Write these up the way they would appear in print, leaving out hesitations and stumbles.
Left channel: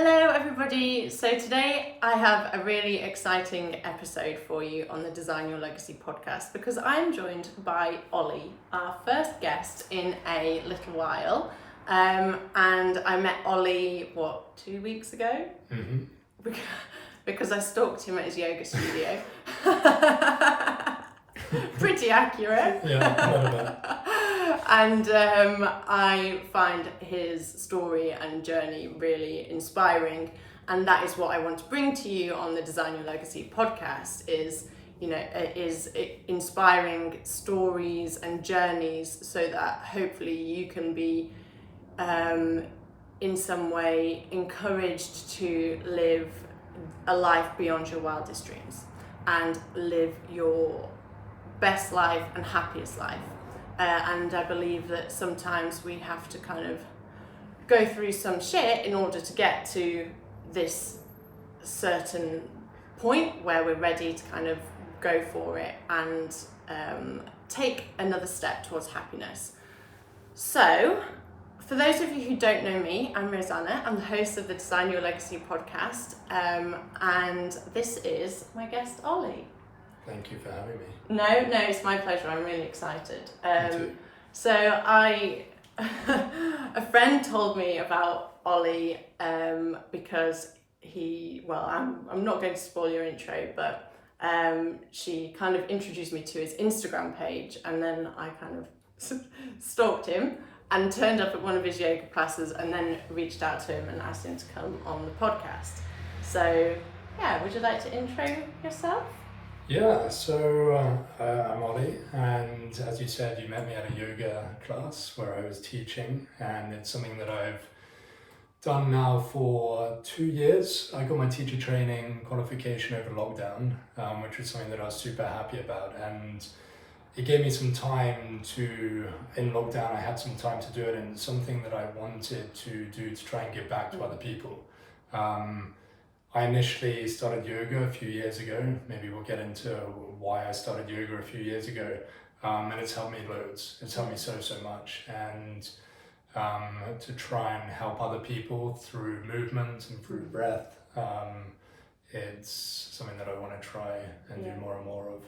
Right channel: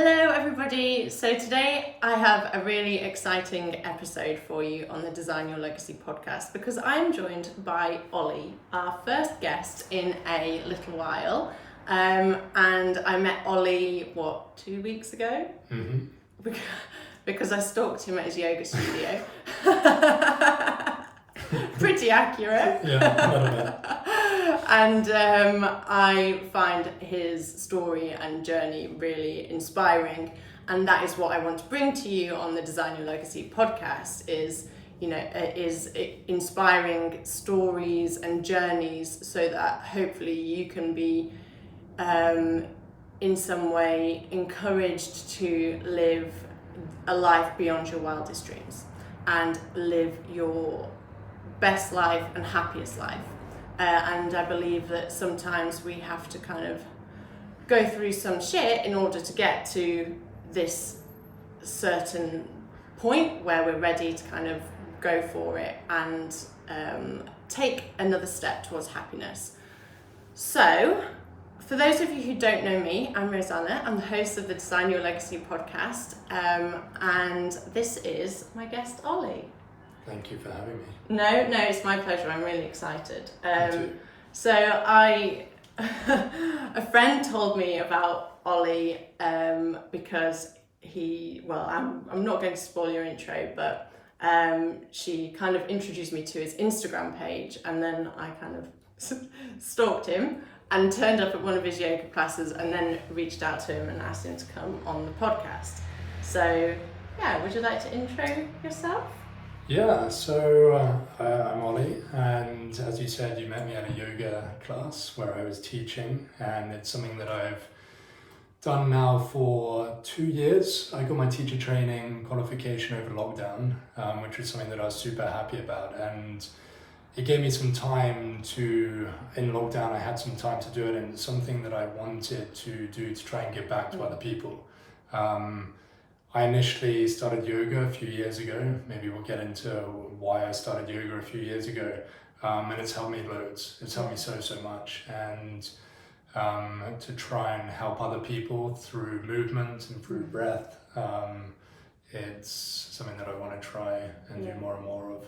Hello everybody, so today I have a really exciting episode for you on the Design Your Legacy podcast because I'm joined by Ollie, our first guest in a little while, and I met Ollie, 2 weeks ago? Mm-hmm. Because I stalked him at his yoga studio. Pretty accurate. Yeah, and I find his story and journey really inspiring, and that is what I want to bring to you on the Design Your Legacy podcast is inspiring stories and journeys so that hopefully you can be in some way encouraged to live a life beyond your wildest dreams and live your best life and happiest life. And I believe that sometimes we have to kind of go through some shit in order to get to this certain point where we're ready to kind of go for it and take another step towards happiness. So, for those of you who don't know me, I'm Roseanna. I'm the host of the Design Your Legacy podcast, and this is my guest, Ollie. Thank you for having me. No, it's my pleasure. I'm really excited. Me too. So a friend told me about Ollie because I'm not going to spoil your intro, but she kind of introduced me to his Instagram page, and then I kind of stalked him and turned up at one of his yoga classes, and then reached out to him and asked him to come on the podcast. So yeah, would you like to intro yourself? Yeah, so I'm Ollie, and as you said, you met me at a yoga class where I was teaching, and it's something that I've done now for 2 years. I got my teacher training qualification over lockdown, which was something that I was super happy about, and it gave me some time in lockdown I had some time to do it, and something that I wanted to do to try and give back to other people. I initially started yoga a few years ago. Maybe we'll get into why I started yoga a few years ago. And it's helped me loads. It's helped me so much. And to try and help other people through movement and through breath, it's something that I want to try and do more and more of.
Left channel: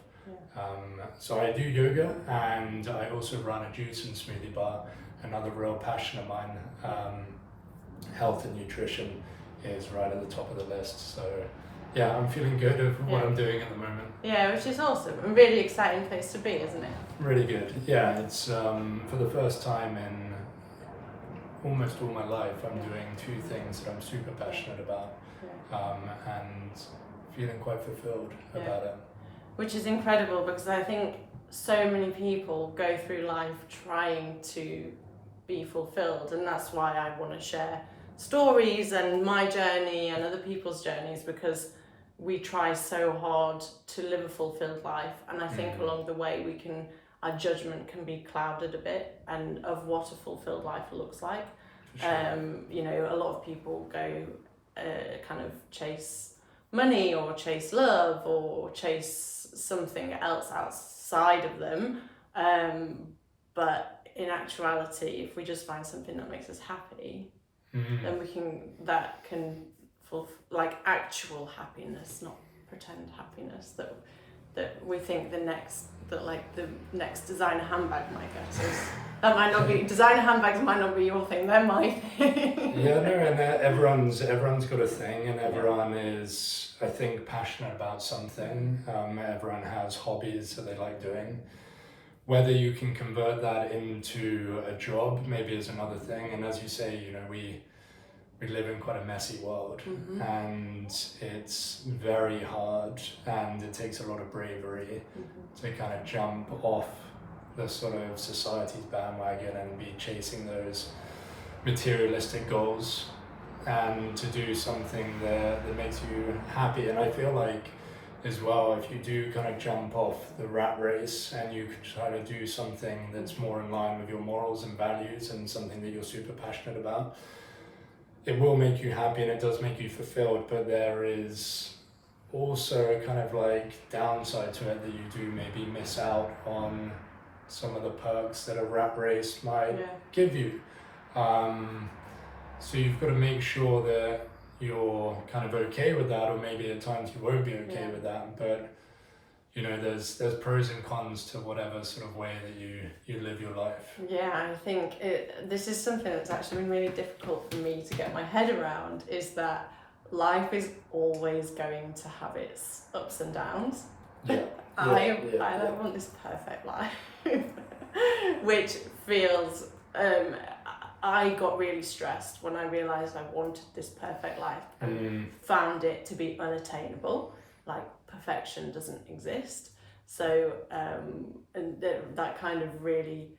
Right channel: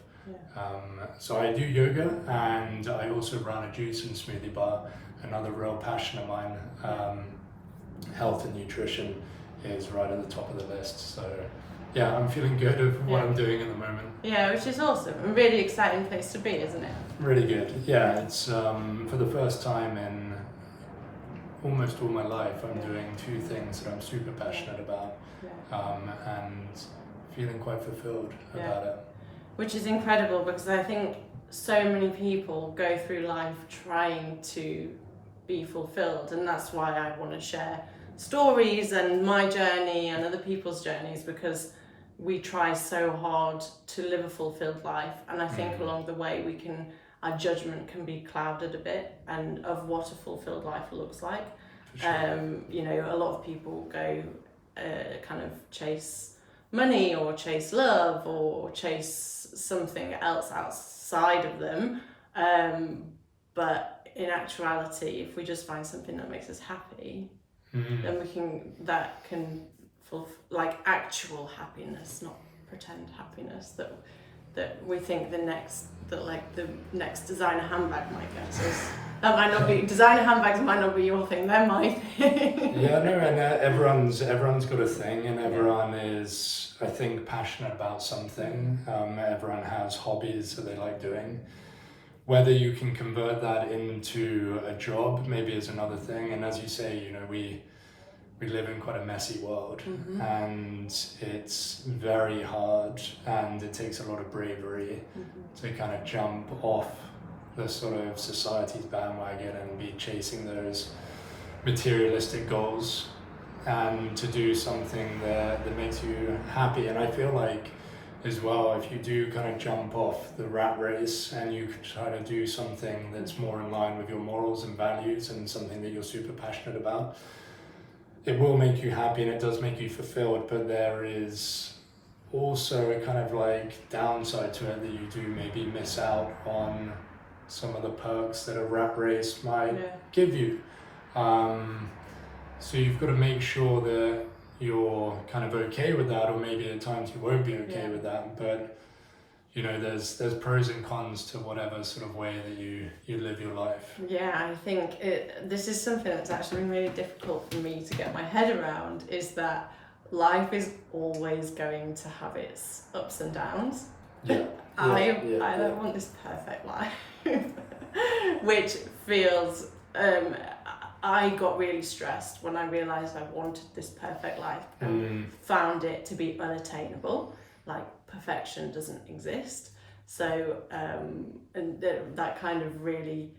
Yeah. So I do yoga, and I also run a juice and smoothie bar, another real passion of mine. Health and nutrition is right at the top of the list. So yeah, I'm feeling good of what I'm doing at the moment. Yeah, which is awesome. A really exciting place to be, isn't it? Really good. Yeah, it's for the first time in almost all my life, I'm doing two things that I'm super passionate about, and feeling quite fulfilled about it. Which is incredible, because I think so many people go through life trying to be fulfilled, and that's why I want to share stories and my journey and other people's journeys, because we try so hard to live a fulfilled life, and I think along the way our judgment can be clouded a bit and of what a fulfilled life looks like. Sure. A lot of people go kind of chase money or chase love or chase something else outside of them, but in actuality, if we just find something that makes us happy, then that can like actual happiness, not pretend happiness that we think the next designer handbag might get us. That might not be, designer handbags might not be your thing, they're my thing. Yeah, no, and everyone's got a thing, and everyone is, I think, passionate about something. Everyone has hobbies that they like doing. Whether you can convert that into a job maybe is another thing. And as you say, we live in quite a messy world, and it's very hard, and it takes a lot of bravery to kind of jump off the sort of society's bandwagon and be chasing those materialistic goals, and to do something that makes you happy. And I feel like as well, if you do kind of jump off the rat race and you try to do something that's more in line with your morals and values and something that you're super passionate about, it will make you happy and it does make you fulfilled, but there is also a kind of like downside to it, that you do maybe miss out on some of the perks that a rat race might give you. So you've got to make sure that you're kind of okay with that, or maybe at times you won't be okay Yeah. with that. But you know, there's pros and cons to whatever sort of way that you live your life. Yeah, I think this is something that's actually been really difficult for me to get my head around, is that life is always going to have its ups and downs. Yeah. I don't want this perfect life, which feels, I got really stressed when I realised I wanted this perfect life and found it to be unattainable. Like, perfection doesn't exist. So, and that kind of really,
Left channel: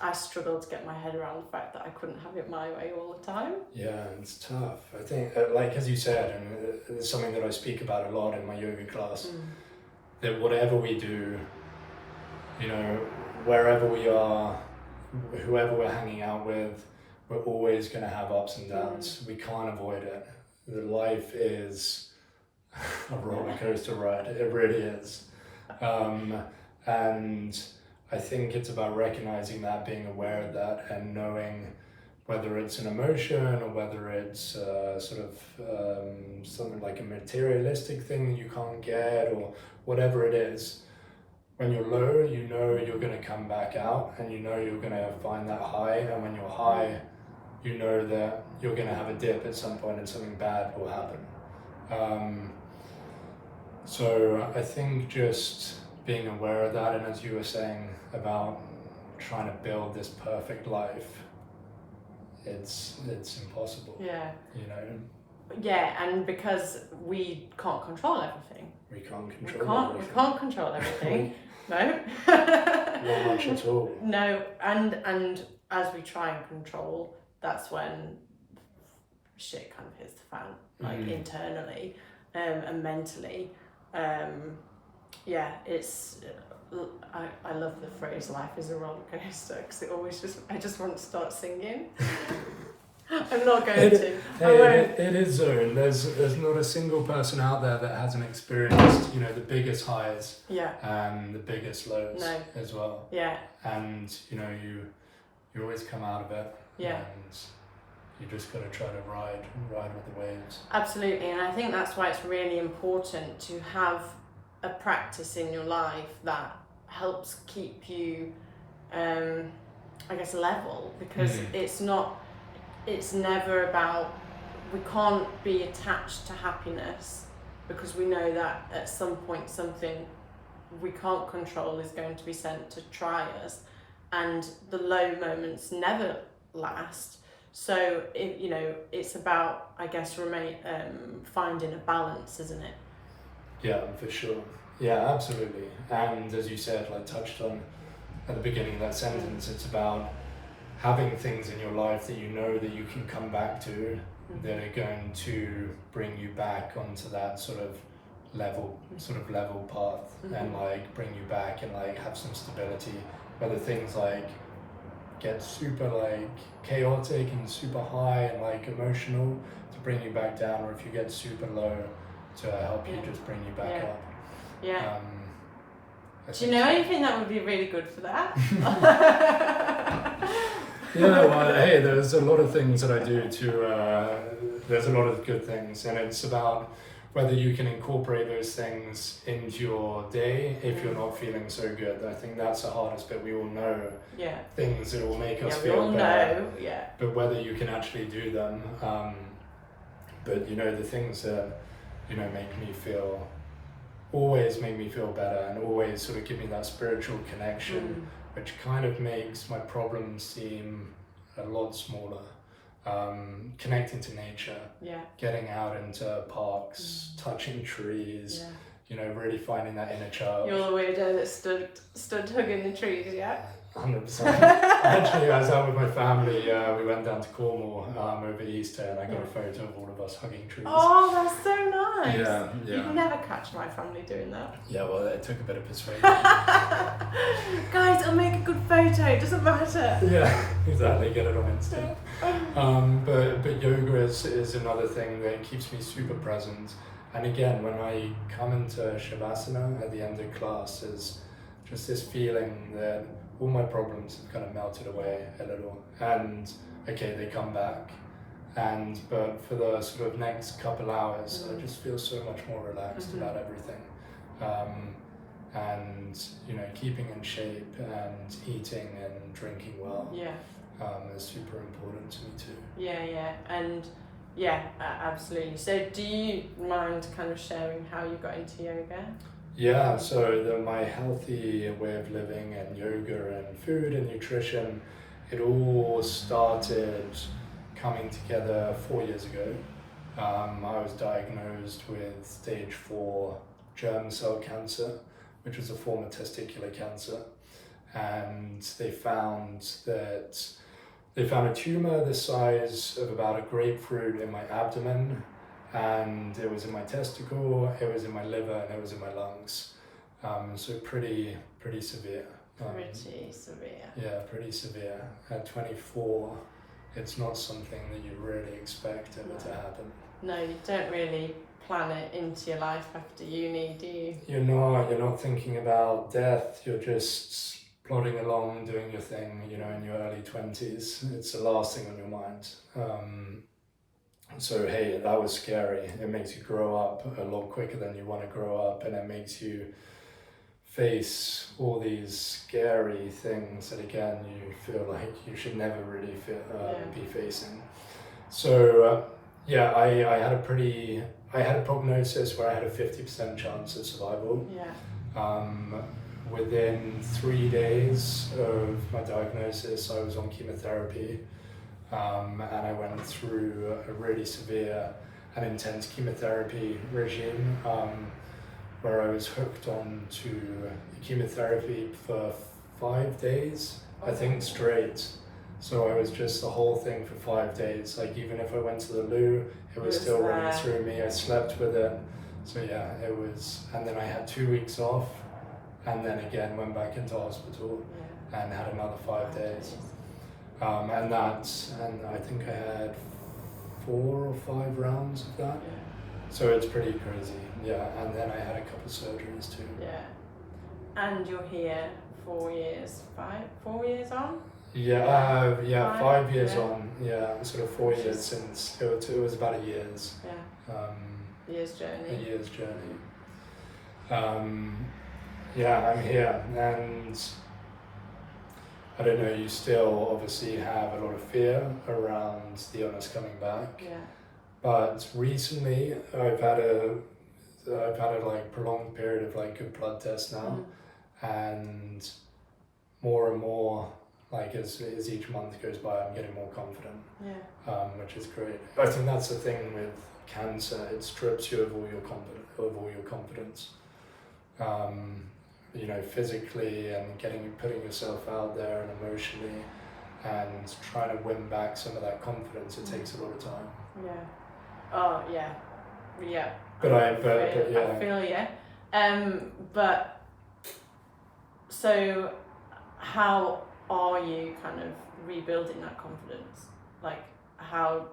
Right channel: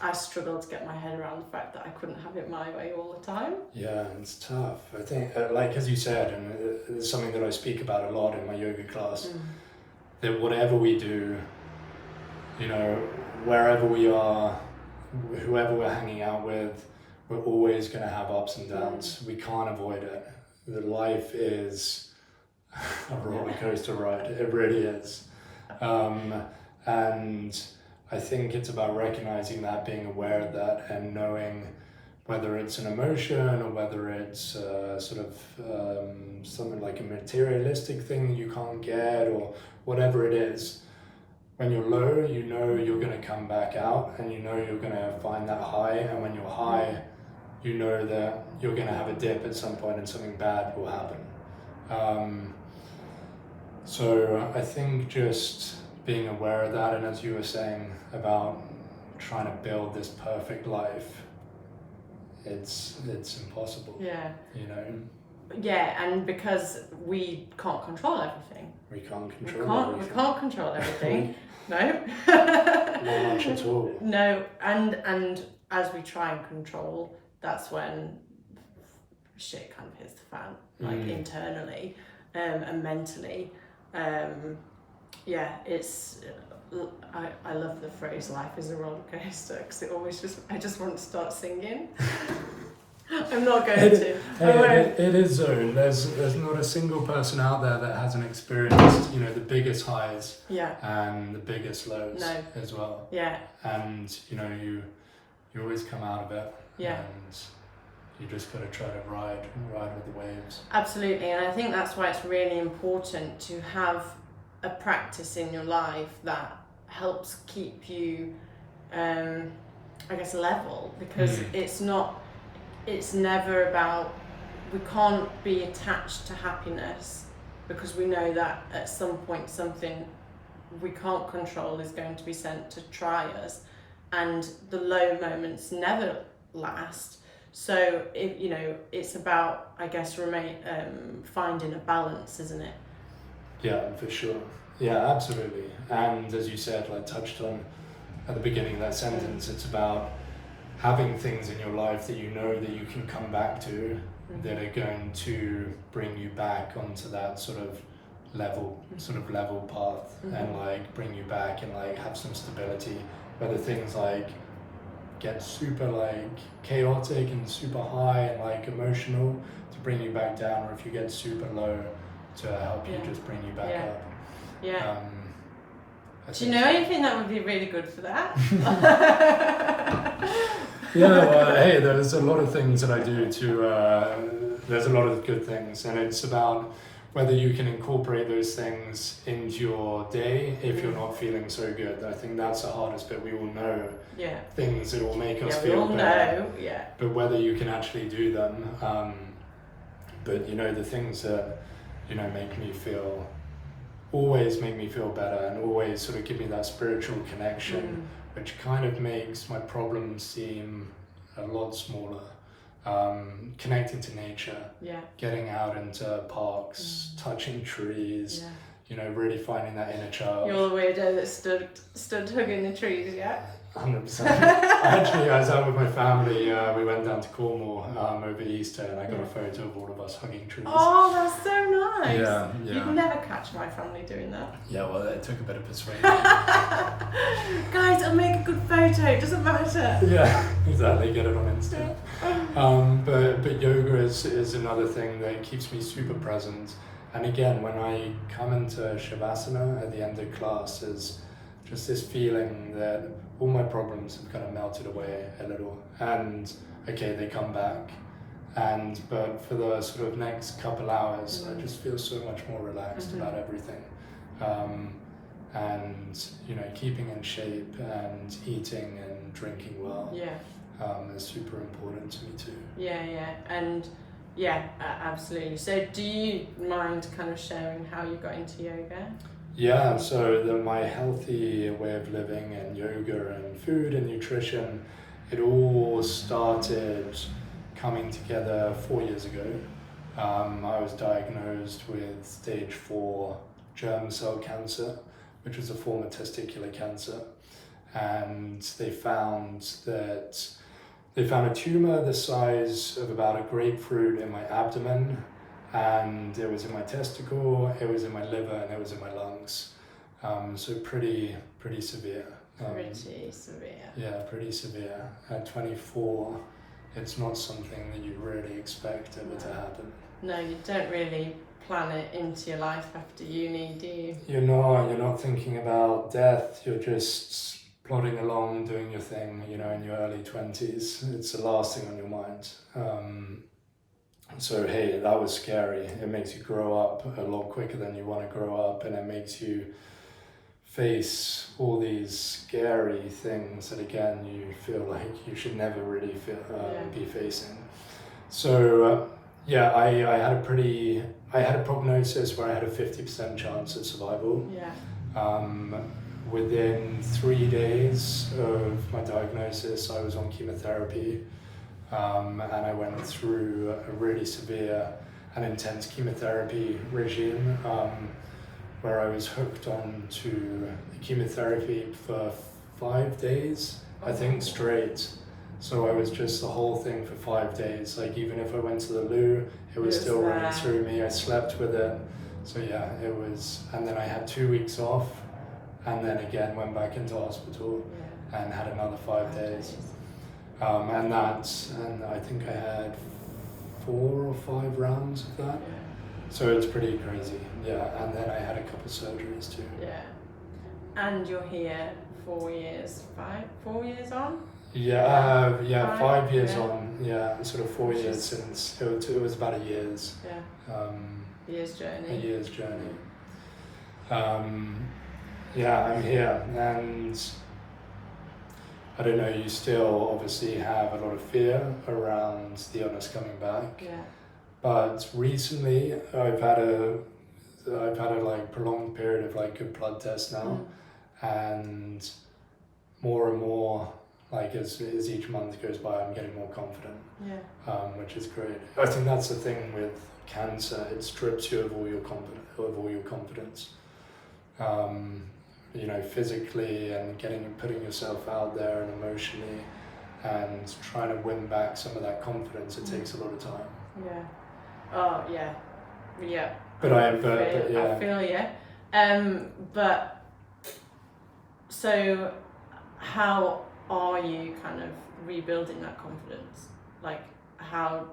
I struggled to get my head around the fact that I couldn't have it my way all the time. Yeah, it's tough. I think, like as you said, and it's something that I speak about a lot in my yoga class, that whatever we do, you know, wherever we are, whoever we're hanging out with, we're always going to have ups and downs. We can't avoid it. The life is a roller coaster ride. It really is. And I think it's about recognizing that, being aware of that, and knowing whether it's an emotion or whether it's sort of something like a materialistic thing that you can't get, or whatever it is. When you're low, you know you're going to come back out, and you know you're going to find that high. And when you're high, you know that you're going to have a dip at some point and something bad will happen. So I think just being aware of that, and as you were saying about trying to build this perfect life, it's impossible. Yeah. You know. Yeah, and because we can't control everything. We can't control everything. We can't control everything. No. Not much at all. No, and as we try and control, that's when shit kind of hits the fan, like internally, and mentally. Yeah, it's. I love the phrase "life is a roller coaster" because it always I just want to start singing. I'm not going to. It is zone. There's not a single person out there that hasn't experienced, you know, the biggest highs and the biggest lows as well. Yeah. And you know, you always come out of it. Yeah. And you just got to try to ride with the waves. Absolutely, and I think that's why it's really important to have a practice in your life that helps keep you, I guess, level, because it's never about, we can't be attached to happiness, because we know that at some point something we can't control is going to be sent to try us, and the low moments never last. So it's about, I guess, finding a balance, isn't it? Yeah, for sure. Yeah, absolutely. And as you said, like touched on at the beginning of that sentence, it's about having things in your life that you know that you can come back to, that are going to bring you back onto that sort of level path, and like bring you back and like have some stability. Whether things like get super like chaotic and super high and like emotional to bring you back down, or if you get super low to help you just bring you back up. Yeah. Do you know anything that would be really good for that? Yeah, well, hey, there's a lot of things that I do there's a lot of good things, and it's about whether you can incorporate those things into your day if you're not feeling so good. I think that's the hardest bit. We all know things that will make us feel better. But whether you can actually do them, but you know, the things that, you know, always make me feel better, and always sort of give me that spiritual connection, which kind of makes my problems seem a lot smaller. Connecting to nature, getting out into parks, touching trees, you know, really finding that inner child. You're the weirdo that stood hugging the trees, 100%. Actually, I was out with my family. We went down to Cornwall over Easter, and I got a photo of all of us hugging trees. Oh, that's so nice. Yeah. You'd never catch my family doing that. Yeah, well, it took a bit of persuasion. Guys, it'll make a good photo. It doesn't matter. Yeah, exactly. Get it on Insta. But yoga is another thing that keeps me super present. And again, when I come into Shavasana at the end of class, is just this feeling that all my problems have kind of melted away a little, and okay, they come back, But for the sort of next couple hours, I just feel so much more relaxed about everything. And keeping in shape and eating and drinking well is super important to me too. Absolutely. So do you mind kind of sharing how you got into yoga? Yeah, so my healthy way of living and yoga and food and nutrition, it all started coming together 4 years ago. I was diagnosed with stage 4 germ cell cancer, which was a form of testicular cancer. And they found a tumor the size of about a grapefruit in my abdomen, and it was in my testicle, it was in my liver, and it was in my lungs. So pretty severe. Pretty severe. Yeah, pretty severe. At 24, it's not something that you really expect ever to happen. No, you don't really plan it into your life after uni, do you? You're not thinking about death, you're just plodding along, doing your thing, in your early 20s. It's the last thing on your mind. So hey, that was scary. It makes you grow up a lot quicker than you want to grow up, and it makes you face all these scary things that again you feel like you should never really be facing. So I had a prognosis where I had a 50% chance of survival. Within 3 days of my diagnosis, I was on chemotherapy, and I went through a really severe and intense chemotherapy regime, where I was hooked on to chemotherapy for 5 days, I think, straight. So I was just the whole thing for 5 days. Like, even if I went to the loo, it was still running through me. I slept with it. So yeah, it was, and then I had 2 weeks off, and then again went back into hospital and had another 5 days. And I think I had 4 or 5 rounds of that. So it's pretty crazy. And then I had a couple surgeries too. And you're here 4 years, 4 years on? 5 years on. Sort of 4 years since it was about a year's. Year's journey. A year's journey. I'm here, and I don't know, you still obviously have a lot of fear around the illness coming back. But recently I've had a like prolonged period of like good blood tests now, and more like as each month goes by, I'm getting more confident, which is great. I think that's the thing with cancer; it strips you of all your confidence. Physically and putting yourself out there and emotionally, and trying to win back some of that confidence. It takes a lot of time. But I feel But so how are you kind of rebuilding that confidence? Like how,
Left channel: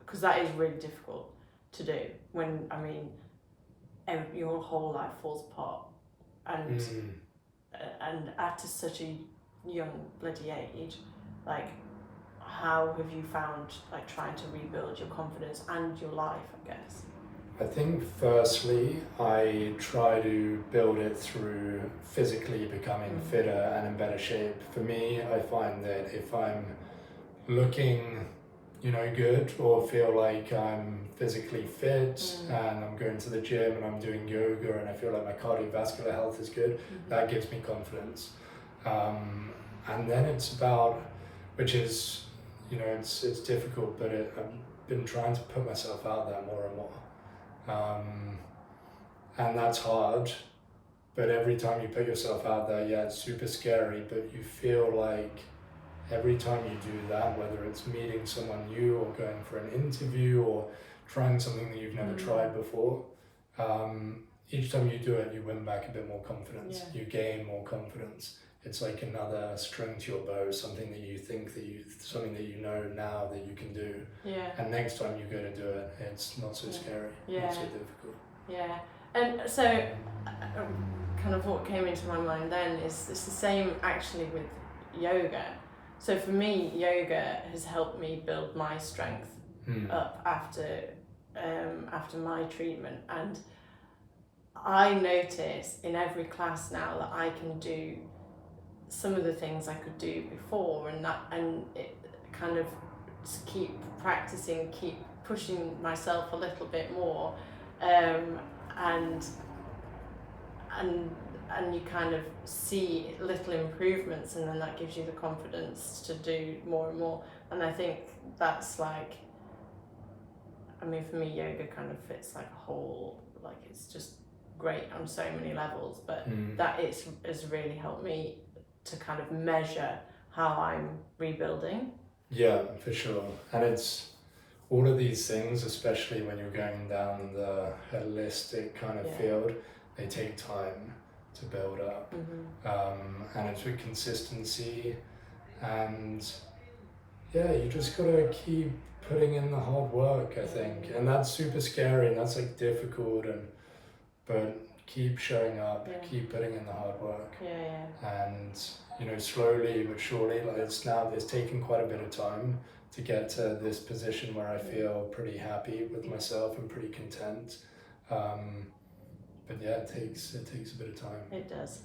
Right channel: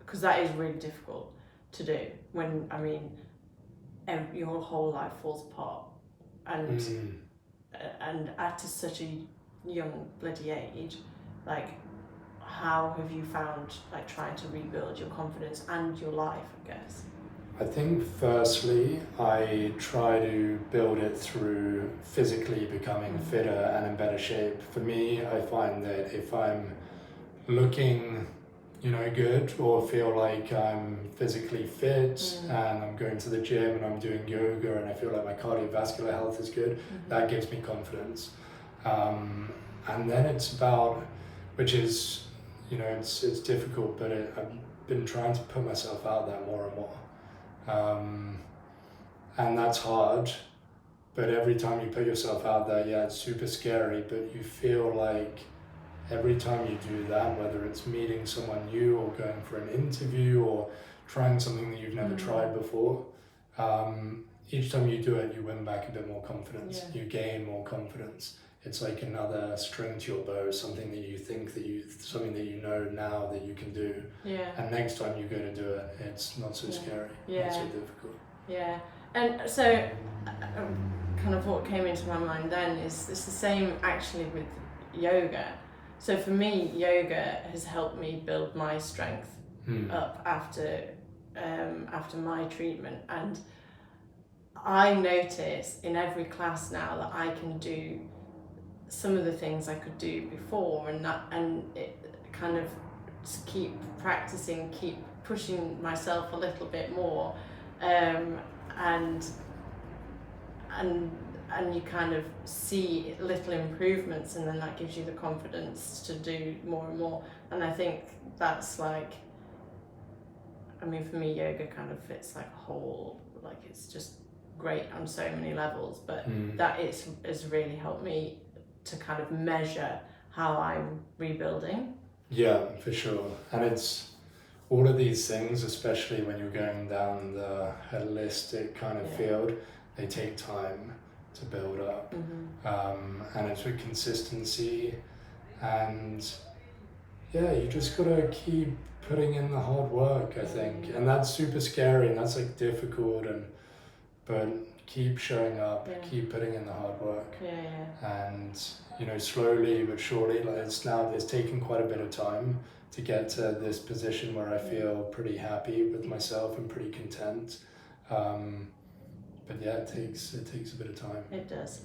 because that is really difficult to do when, your whole life falls apart, and at such a young bloody age, like how have you found like trying to rebuild your confidence and your life, I guess? I think firstly, I try to build it through physically becoming fitter and in better shape. For me, I find that if I'm looking good, or feel like I'm physically fit and I'm going to the gym and I'm doing yoga and I feel like my cardiovascular health is good, that gives me confidence. And then it's about, which is, it's difficult, but I've been trying to put myself out there more and more. And that's hard, but every time you put yourself out there, it's super scary, but you feel like every time you do that, whether it's meeting someone new or going for an interview or trying something that you've never tried before, each time you do it, you win back a bit more confidence. You gain more confidence. It's like another string to your bow, something that you think something that you know now that you can do. And next time you go to do it, it's not so scary, not so difficult. And so kind of what came into my mind then is it's the same actually with yoga. So for me, yoga has helped me build my strength up after my treatment, and I notice in every class now that I can do some of the things I could do before, and it kind of just keep practicing, keep pushing myself a little bit more, and you kind of see little improvements, and then that gives you the confidence to do more and more. And I think that's like, I mean, for me, yoga kind of fits like a whole, like it's just great on so many levels, but that has really helped me to kind of measure how I'm rebuilding. Yeah, for sure. And it's all of these things, especially when you're going down the holistic kind of field, they take time to build up. And it's with consistency, and you just gotta keep putting in the hard work, I think. And that's super scary, and that's like difficult, but keep showing up, keep putting in the hard work. And you know, slowly but surely, like it's taken quite a bit of time to get to this position where I feel pretty happy with myself and pretty content. But yeah, it takes a bit of time. It does.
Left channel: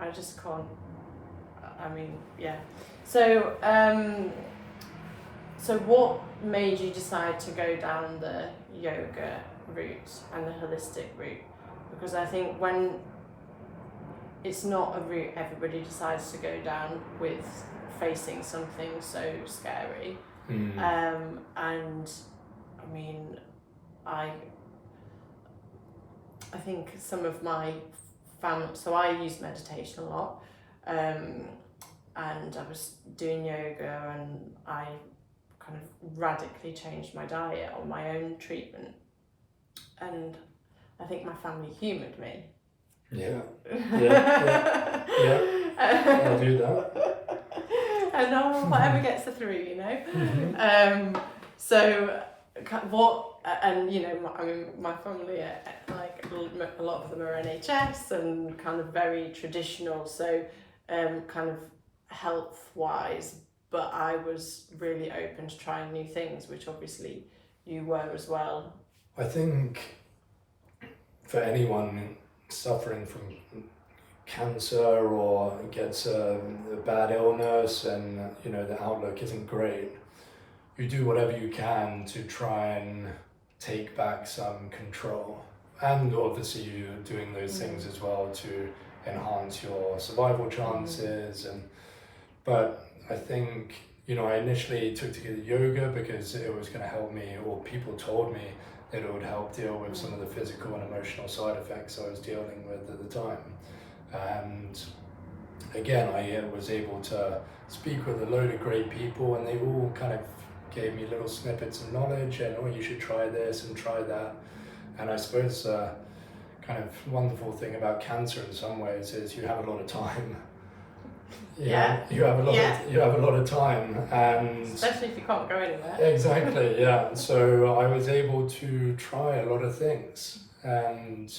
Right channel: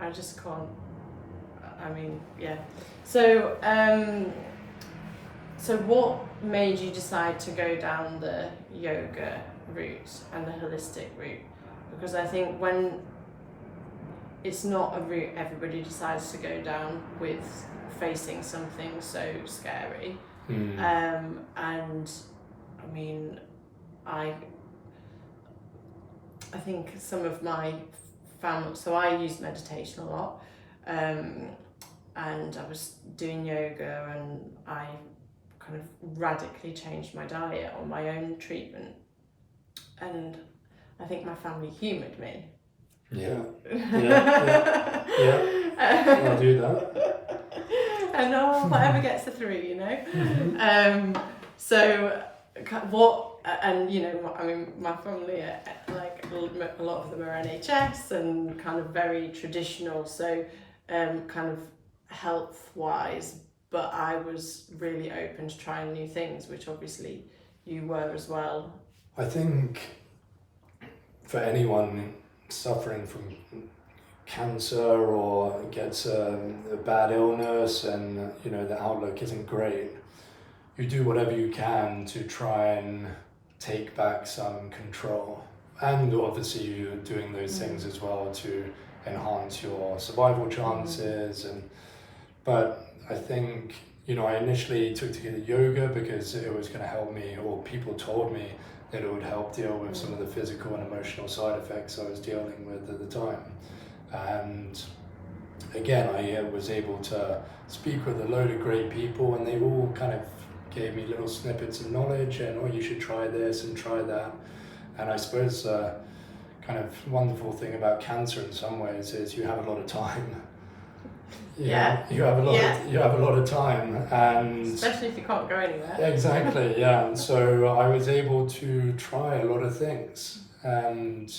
I just can't, I mean, so what made you decide to go down the yoga route and the holistic route? Because I think when it's not a route everybody decides to go down with facing something so scary. And I mean, I think some of my family, so I use meditation a lot, and I was doing yoga, and I kind of radically changed my diet on my own treatment, and I think my family humoured me. I'll do that. And whatever gets the three, you know. So what, and you know, I mean, my family are like a lot of them are NHS and kind of very traditional, so kind of health wise, but I was really open to trying new things, which obviously you were as well. I think for anyone suffering from cancer or gets a bad illness and you know the outlook isn't great, you do whatever you can to try and take back some control, and obviously you're doing those things as well to enhance your survival chances. But I think, you know, I initially took to yoga because it was going to help me, or people told me that it would help deal with some of the physical and emotional side effects I was dealing with at the time. And again, I was able to speak with a load of great people, and they all kind of gave me little snippets of knowledge and, oh, you should try this and try that. And I suppose kind of wonderful thing about cancer in some ways is you have a lot of time. You have a lot of time, and especially if you can't go anywhere. Exactly, yeah. So I was able to try a lot of things, and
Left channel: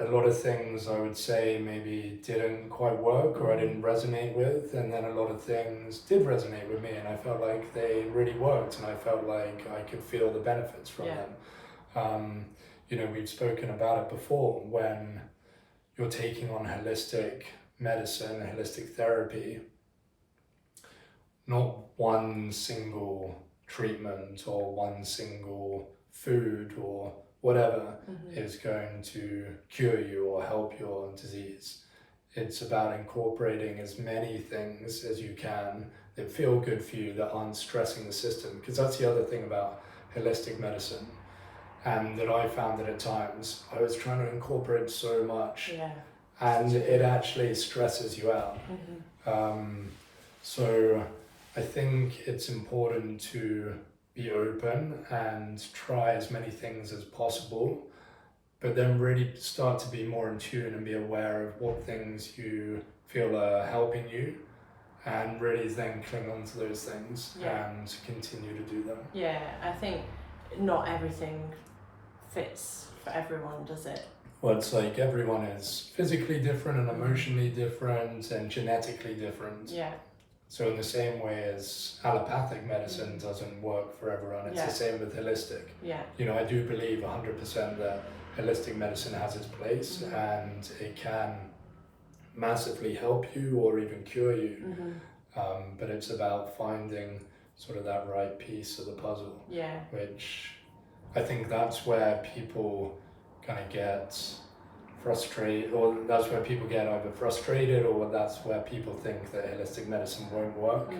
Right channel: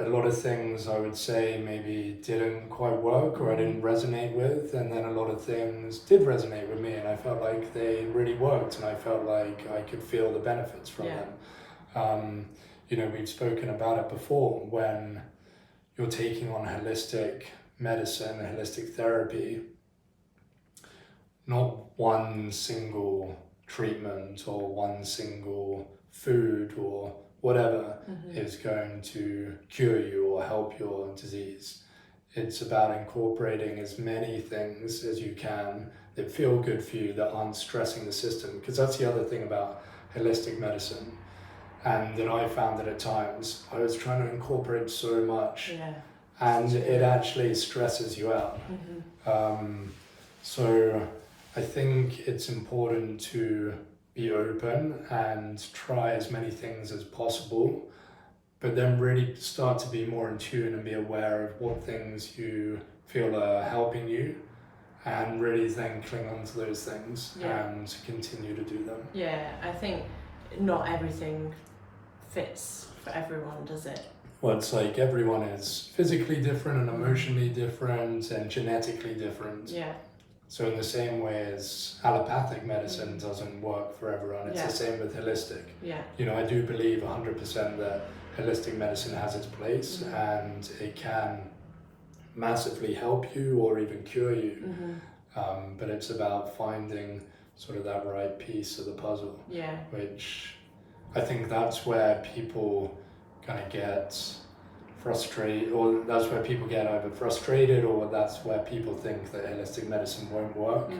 a lot of things I would say maybe didn't quite work or I didn't resonate with, and then a lot of things did resonate with me, and I felt like they really worked, and I felt like I could feel the benefits from them. You know, we've spoken about it before, when you're taking on holistic medicine, holistic therapy, not one single treatment or one single food or whatever is going to cure you or help your disease. It's about incorporating as many things as you can that feel good for you, that aren't stressing the system, because that's the other thing about holistic medicine, and that I found that at times I was trying to incorporate so much, and it actually stresses you out. So I think it's important to be open and try as many things as possible, but then really start to be more in tune and be aware of what things you feel are helping you, and really then cling on to those things and continue to do them. I think not everything fits for everyone, does it? Well, it's like everyone is physically different and emotionally different and genetically different. So in the same way as allopathic medicine doesn't work for everyone, it's the same with holistic. Yeah. You know, I do believe 100% that holistic medicine has its place and it can massively help you or even cure you. But it's about finding sort of that right piece of the puzzle. Yeah. Which I think that's where people kind of get frustrated, or that's where people get either frustrated, or that's where people think that holistic medicine won't work.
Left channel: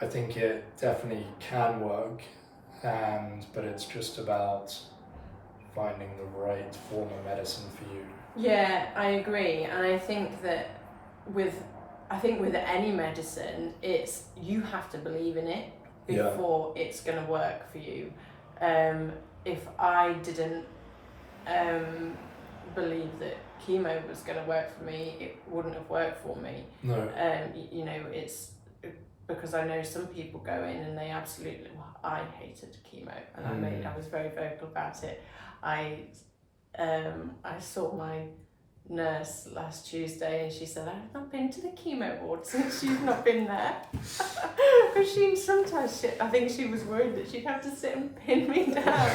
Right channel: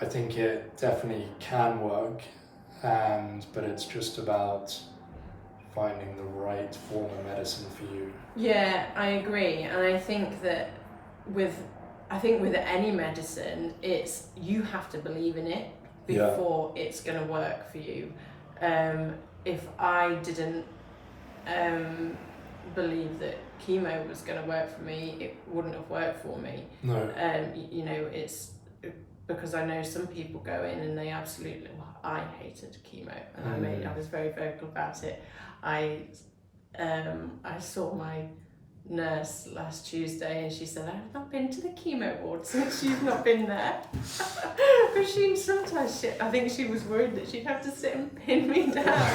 I think it definitely can work, but it's just about finding the right form of medicine for you. Yeah, I agree, and I think that with any medicine, it's you have to believe in it before it's going to work for you. If I didn't believe that chemo was going to work for me, it wouldn't have worked for me. No. You know, it's because I know some people go in and they absolutely. Well, I hated chemo, and I was very vocal about it. I saw my nurse last Tuesday and she said, I've not been to the chemo ward since you've not been there. Because I think she was worried that she'd have to sit and pin me down.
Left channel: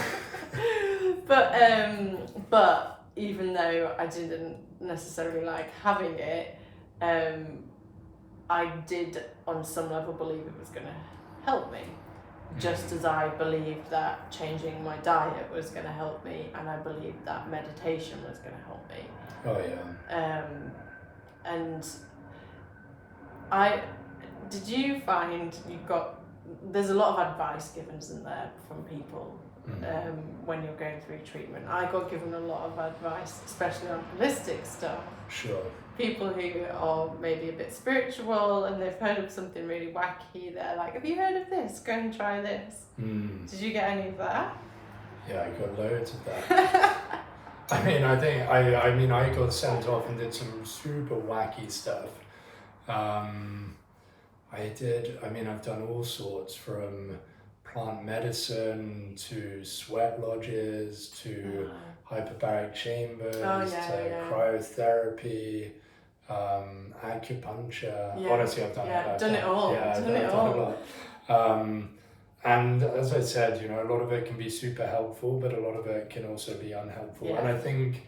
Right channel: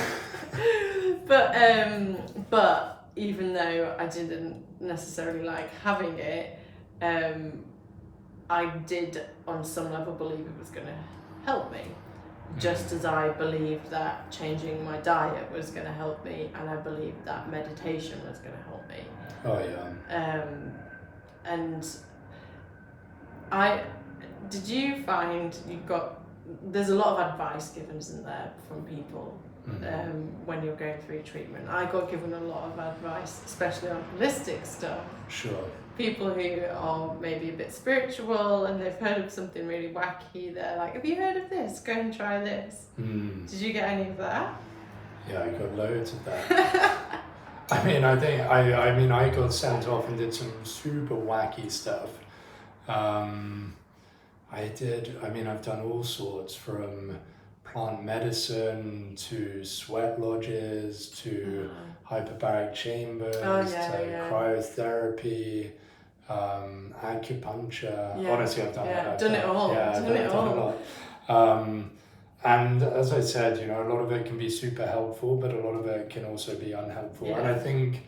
But even though I didn't necessarily like having it, I did on some level believe it was going to help me. Just as I believed that changing my diet was going to help me, and I believed that meditation was going to help me. Oh yeah. And did you find there's a lot of advice given, isn't there, from people when you're going through treatment? I got given a lot of advice, especially on holistic stuff. Sure. People who are maybe a bit spiritual and they've heard of something really wacky, they're like, have you heard of this? Go and try this. Did you get any of that? Yeah, I got loads of that. I mean, I got sent off and did some super wacky stuff. I've done all sorts, from plant medicine to sweat lodges to hyperbaric chambers to cryotherapy, acupuncture. Yeah. Honestly, I've done it. I've done it all. Yeah, I've done it all. A lot. And as I said, you know, a lot of it can be super helpful, but a lot of it can also be unhelpful. Yeah. And I think,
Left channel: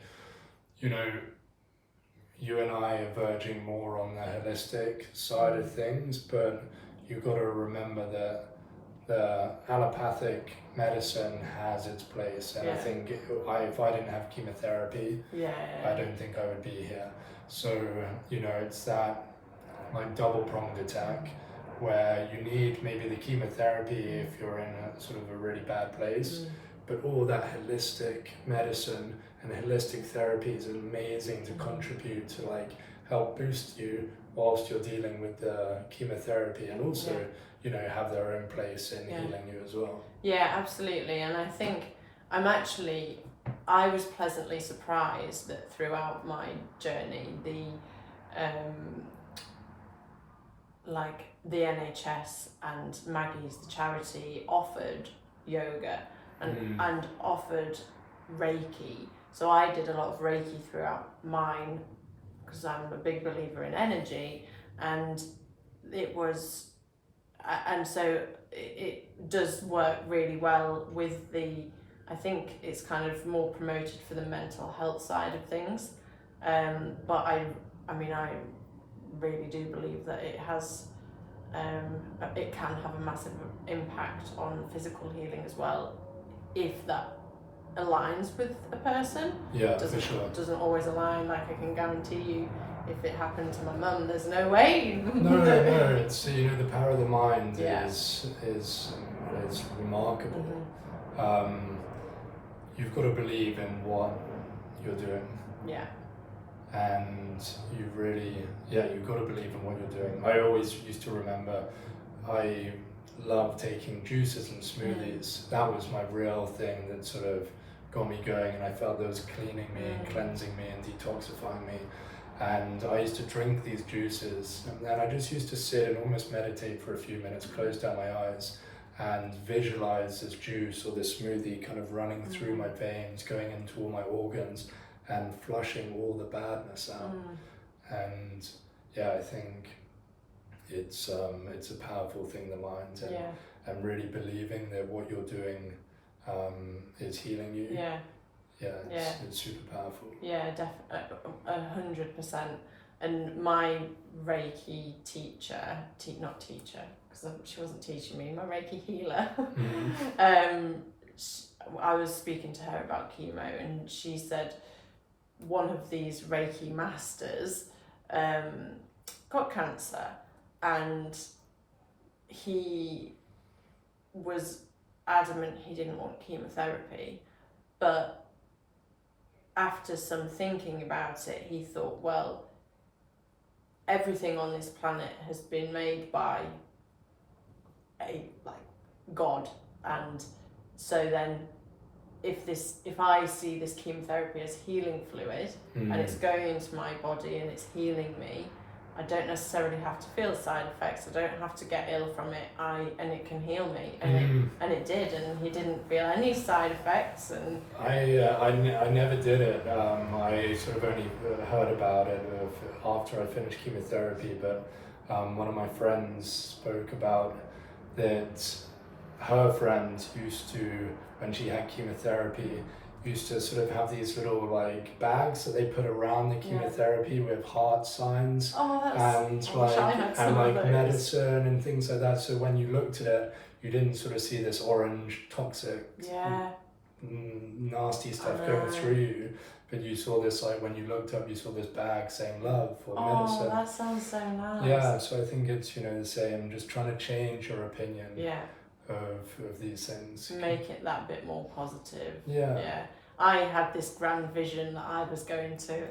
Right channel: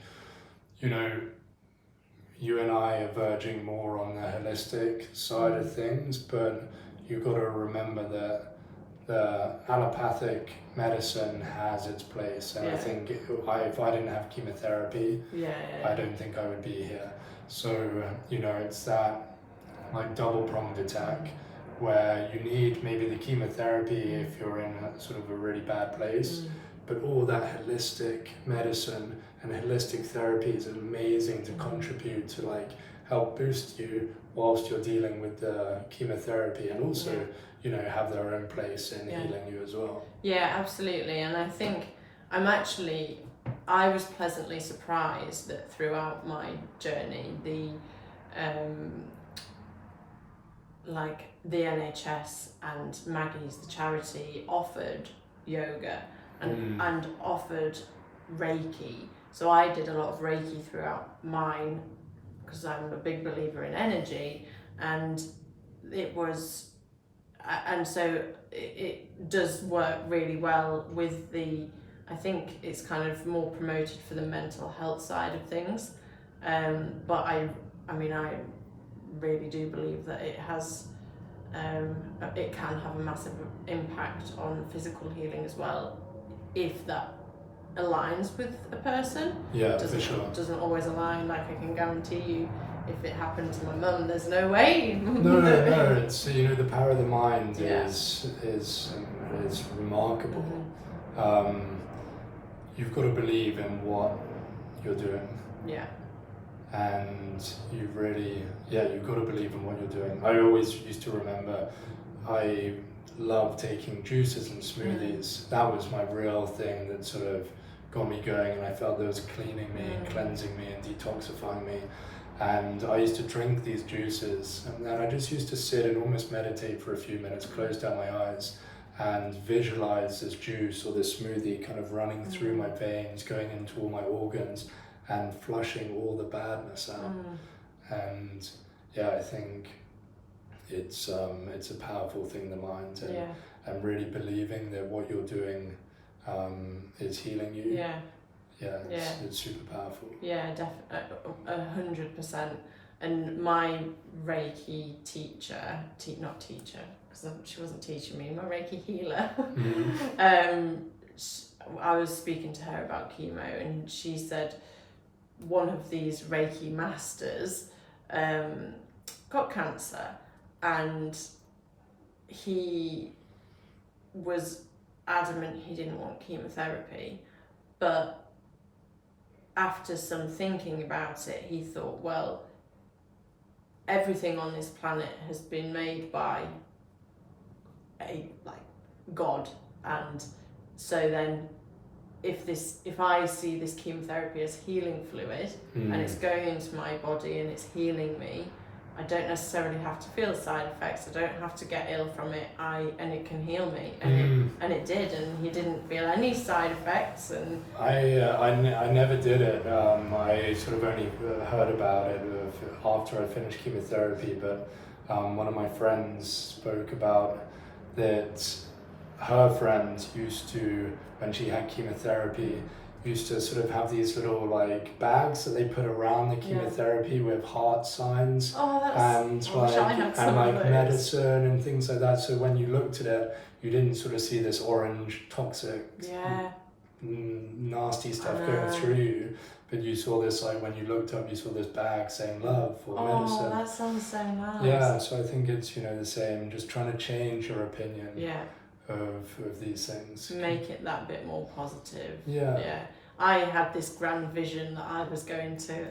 you know, you and I are verging more on the holistic side of things, but you've got to remember that the allopathic medicine has its place. And I think if I didn't have chemotherapy, I don't think I would be here. So, you know, it's that like double-pronged attack where you need maybe the chemotherapy if you're in a sort of a really bad place, but all that holistic medicine and holistic therapy is amazing to contribute to like help boost you whilst you're dealing with the chemotherapy, and also you know, have their own place in healing you as well. Yeah, absolutely. And I think I was pleasantly surprised that throughout my journey, the NHS and Maggie's, the charity, offered yoga and offered Reiki. So I did a lot of Reiki throughout mine because I'm a big believer in energy, and so it does work really well with I think it's kind of more promoted for the mental health side of things. But I really do believe that it has, it can have a massive impact on physical healing as well, if that aligns with a person. Yeah, for sure. Doesn't always align. Like, I can guarantee you, if it happened to my mum, there's no way. No. It's, you know, the power of the mind is remarkable. You've got to believe in what you're doing. Yeah. And you've got to believe in what you're doing. I always used to remember, I love taking juices and smoothies. That was my real thing that sort of got me going, and I felt that it was cleaning me, cleansing me and detoxifying me. And I used to drink these juices, and then I just used to sit and almost meditate for a few minutes, close down my eyes and visualize this juice or this smoothie kind of running through my veins, going into all my organs and flushing all the badness out. And yeah, I think it's a powerful thing, the mind, and, Yeah. and really believing that what you're doing is healing you. Yeah. It's super powerful. Yeah, 100%. And my Reiki teacher, not teacher, because she wasn't teaching me, my Reiki healer, I was speaking to her about chemo, and she said one of these Reiki masters got cancer, and he was adamant he didn't want chemotherapy, but after some thinking about it, he thought, well, everything on this planet has been made by God, and so then if I see this chemotherapy as healing fluid and it's going into my body and it's healing me, I don't necessarily have to feel side effects. I don't have to get ill from it. And it can heal me, and it did, and he didn't feel any side effects. And I never did it. I sort of only heard about it after I finished chemotherapy. But one of my friends spoke about that. Her friend used to, when she had chemotherapy, used to sort of have these little like bags that they put around the chemotherapy with heart signs and medicine and things like that. So when you looked at it, you didn't sort of see this orange toxic, nasty stuff going through you, but you saw this, like when you looked up, you saw this bag saying love or medicine. Oh, that sounds so nice. Yeah, so I think it's the same, just trying to change your opinion. Of these things. Make it that bit more positive. Yeah. I had this grand vision that I was going to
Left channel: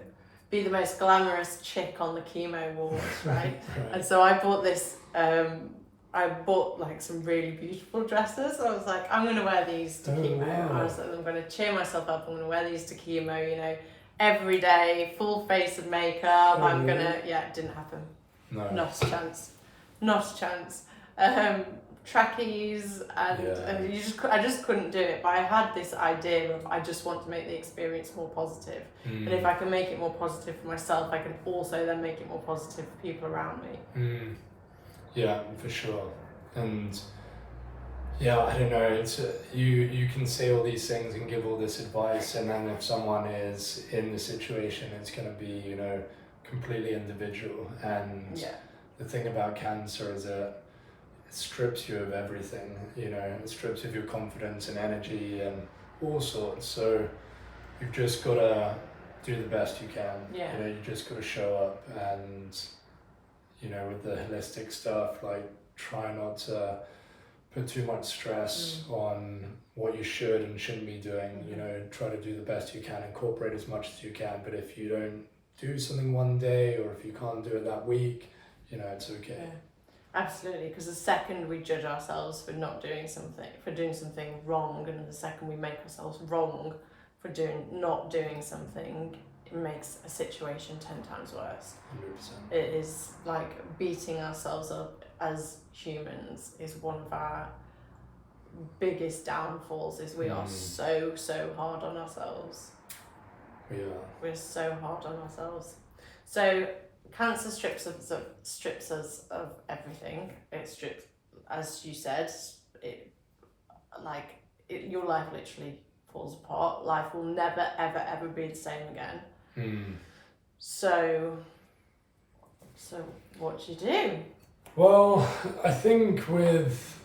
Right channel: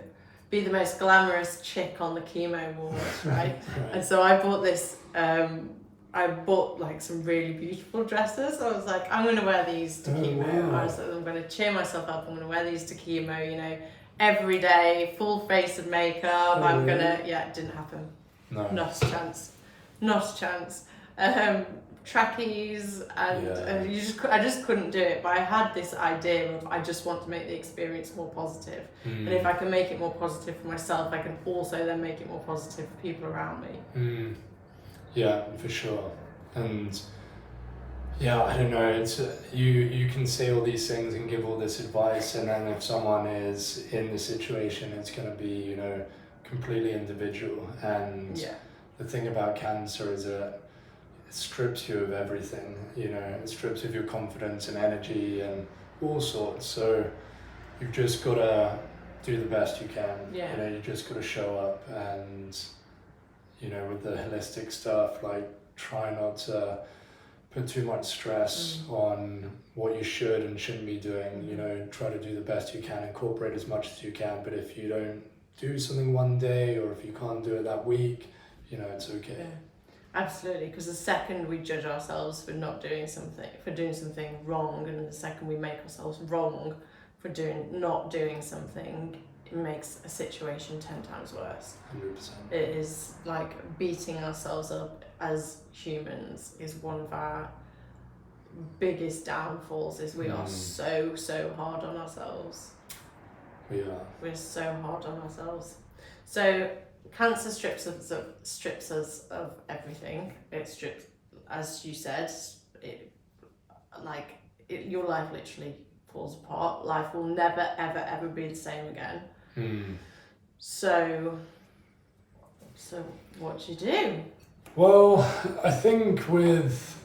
be the most glamorous chick on the chemo wards, right? And so I bought this, I bought like some really beautiful dresses. I was like, I'm going to wear these to chemo. Wow. I was like, I'm going to cheer myself up. I'm going to wear these to chemo, every day, full face of makeup. I'm going to, it didn't happen. No. Not a chance. Not a chance. Trackies and I just couldn't do it, but I had this idea of I just want to make the experience more positive, and if I can make it more positive for myself, I can also then make it more positive for people around me. Yeah, for sure. And I don't know, it's you can say all these things and give all this advice, and then if someone is in the situation, it's going to be completely individual. And the thing about cancer is that it strips you of everything, it strips of your confidence and energy and all sorts. So you've just got to do the best you can. You just got to show up, and with the holistic stuff, like try not to put too much stress on what you should and shouldn't be doing. Try to do the best you can, incorporate as much as you can, but if you don't do something one day, or if you can't do it that week, it's okay. Absolutely, because the second we judge ourselves for doing something wrong, and the second we make ourselves wrong for not doing something, it makes a situation 10 times worse. 100%. It is like beating ourselves up as humans is one of our biggest downfalls. Is we are so hard on ourselves. We are. We're so hard on ourselves. So cancer strips us of everything. It strips, as you said, your life literally falls apart. Life will never, ever be the same again. So what do you do? Well, I think with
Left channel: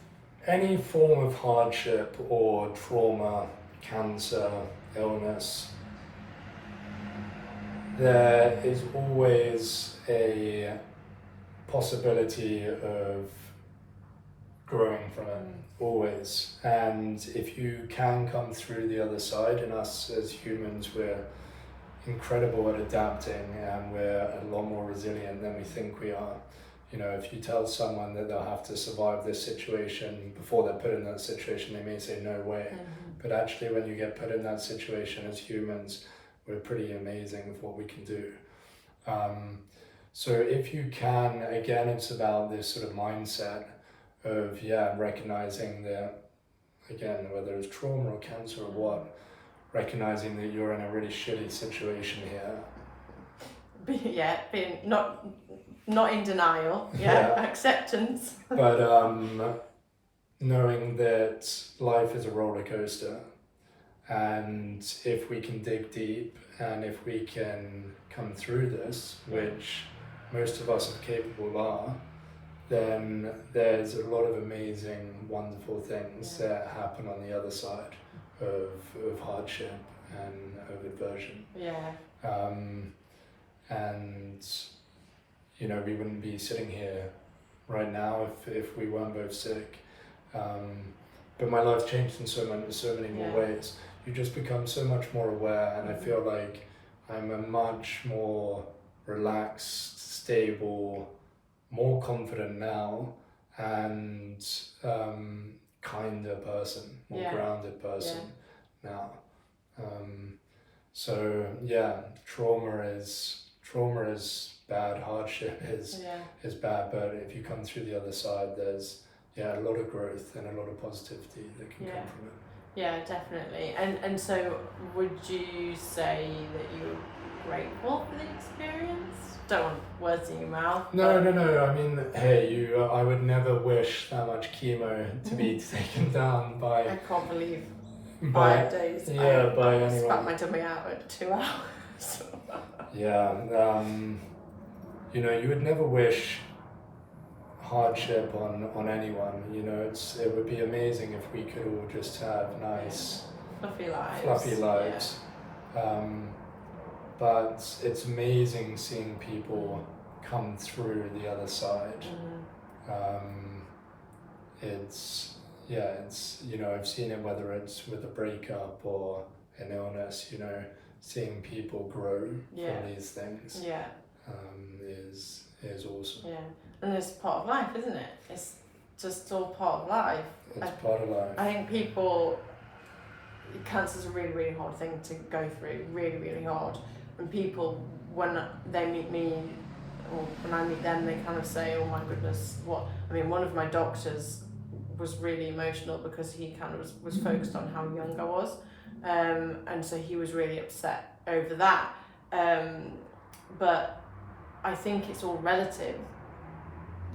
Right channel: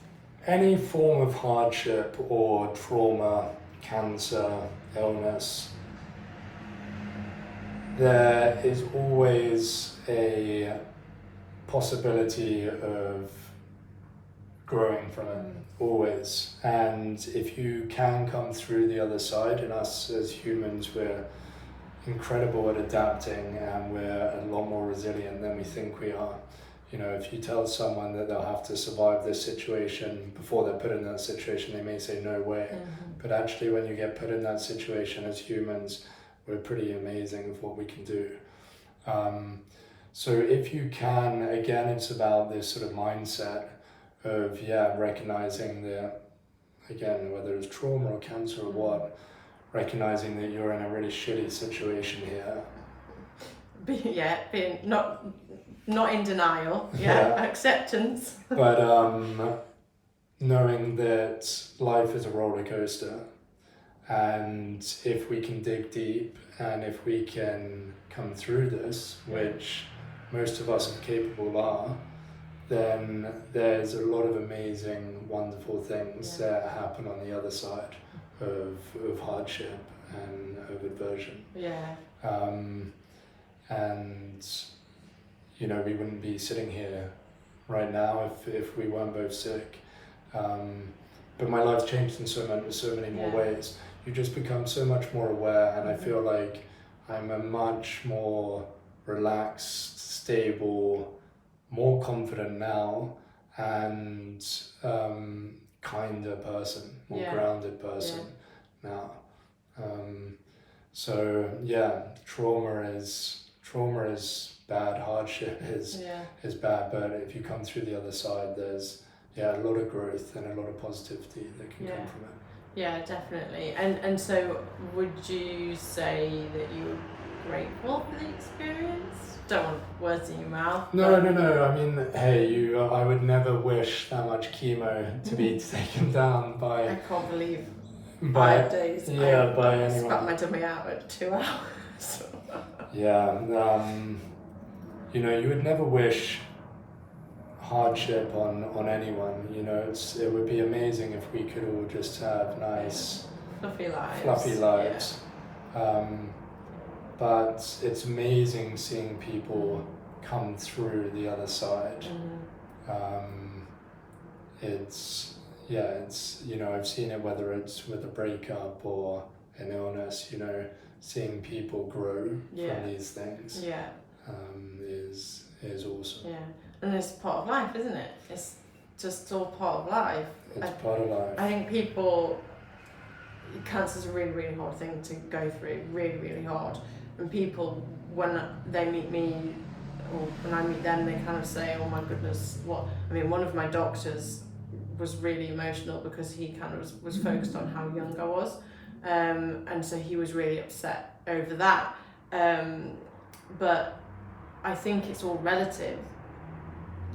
any form of hardship or trauma, cancer, illness, there is always a possibility of growing from it, always. And if you can come through the other side, and us as humans, we're incredible at adapting, and we're a lot more resilient than we think we are. If you tell someone that they'll have to survive this situation before they're put in that situation, they may say no way. But actually, when you get put in that situation as humans, we're pretty amazing with what we can do. So if you can, again, it's about this sort of mindset of recognizing that, again, whether it's trauma or cancer or what, recognizing that you're in a really shitty situation here, being not in denial, acceptance. But knowing that life is a roller coaster, and if we can dig deep and if we can come through this, which most of us are capable are, then there's a lot of amazing, wonderful things that happen on the other side of hardship and of aversion. And you know, we wouldn't be sitting here right now if we weren't both sick. But my life's changed in so many more ways. You just become so much more aware, and I feel like I'm a much more relaxed, stable, more confident now, and kinder person, more grounded person now. So yeah, trauma is bad, hardship is bad, but if you come through the other side, there's a lot of growth and a lot of positivity that can come from it. Yeah, definitely. And so would you say that you were grateful for the experience? Don't want words in your mouth. No. I mean, hey, I would never wish that much chemo to be taken down by... I can't believe 5 by days. by anyone. Spat my tummy out at 2 hours. You know, you would never wish hardship on anyone. You know, it would be amazing if we could all just have nice fluffy lives. But it's amazing seeing people come through the other side. It's you know, I've seen it whether it's with a breakup or an illness. You know, seeing people grow from these things is awesome. Yeah, and it's part of life, isn't it? It's just all part of life. It's part of life. I think cancer's a really, really hard thing to go through, really, really hard. And people, when they meet me, or when I meet them, they kind of say, oh my goodness, what? I mean, one of my doctors was really emotional because he kind of was focused on how young I was. And so he was really upset over that. But I think it's all relative,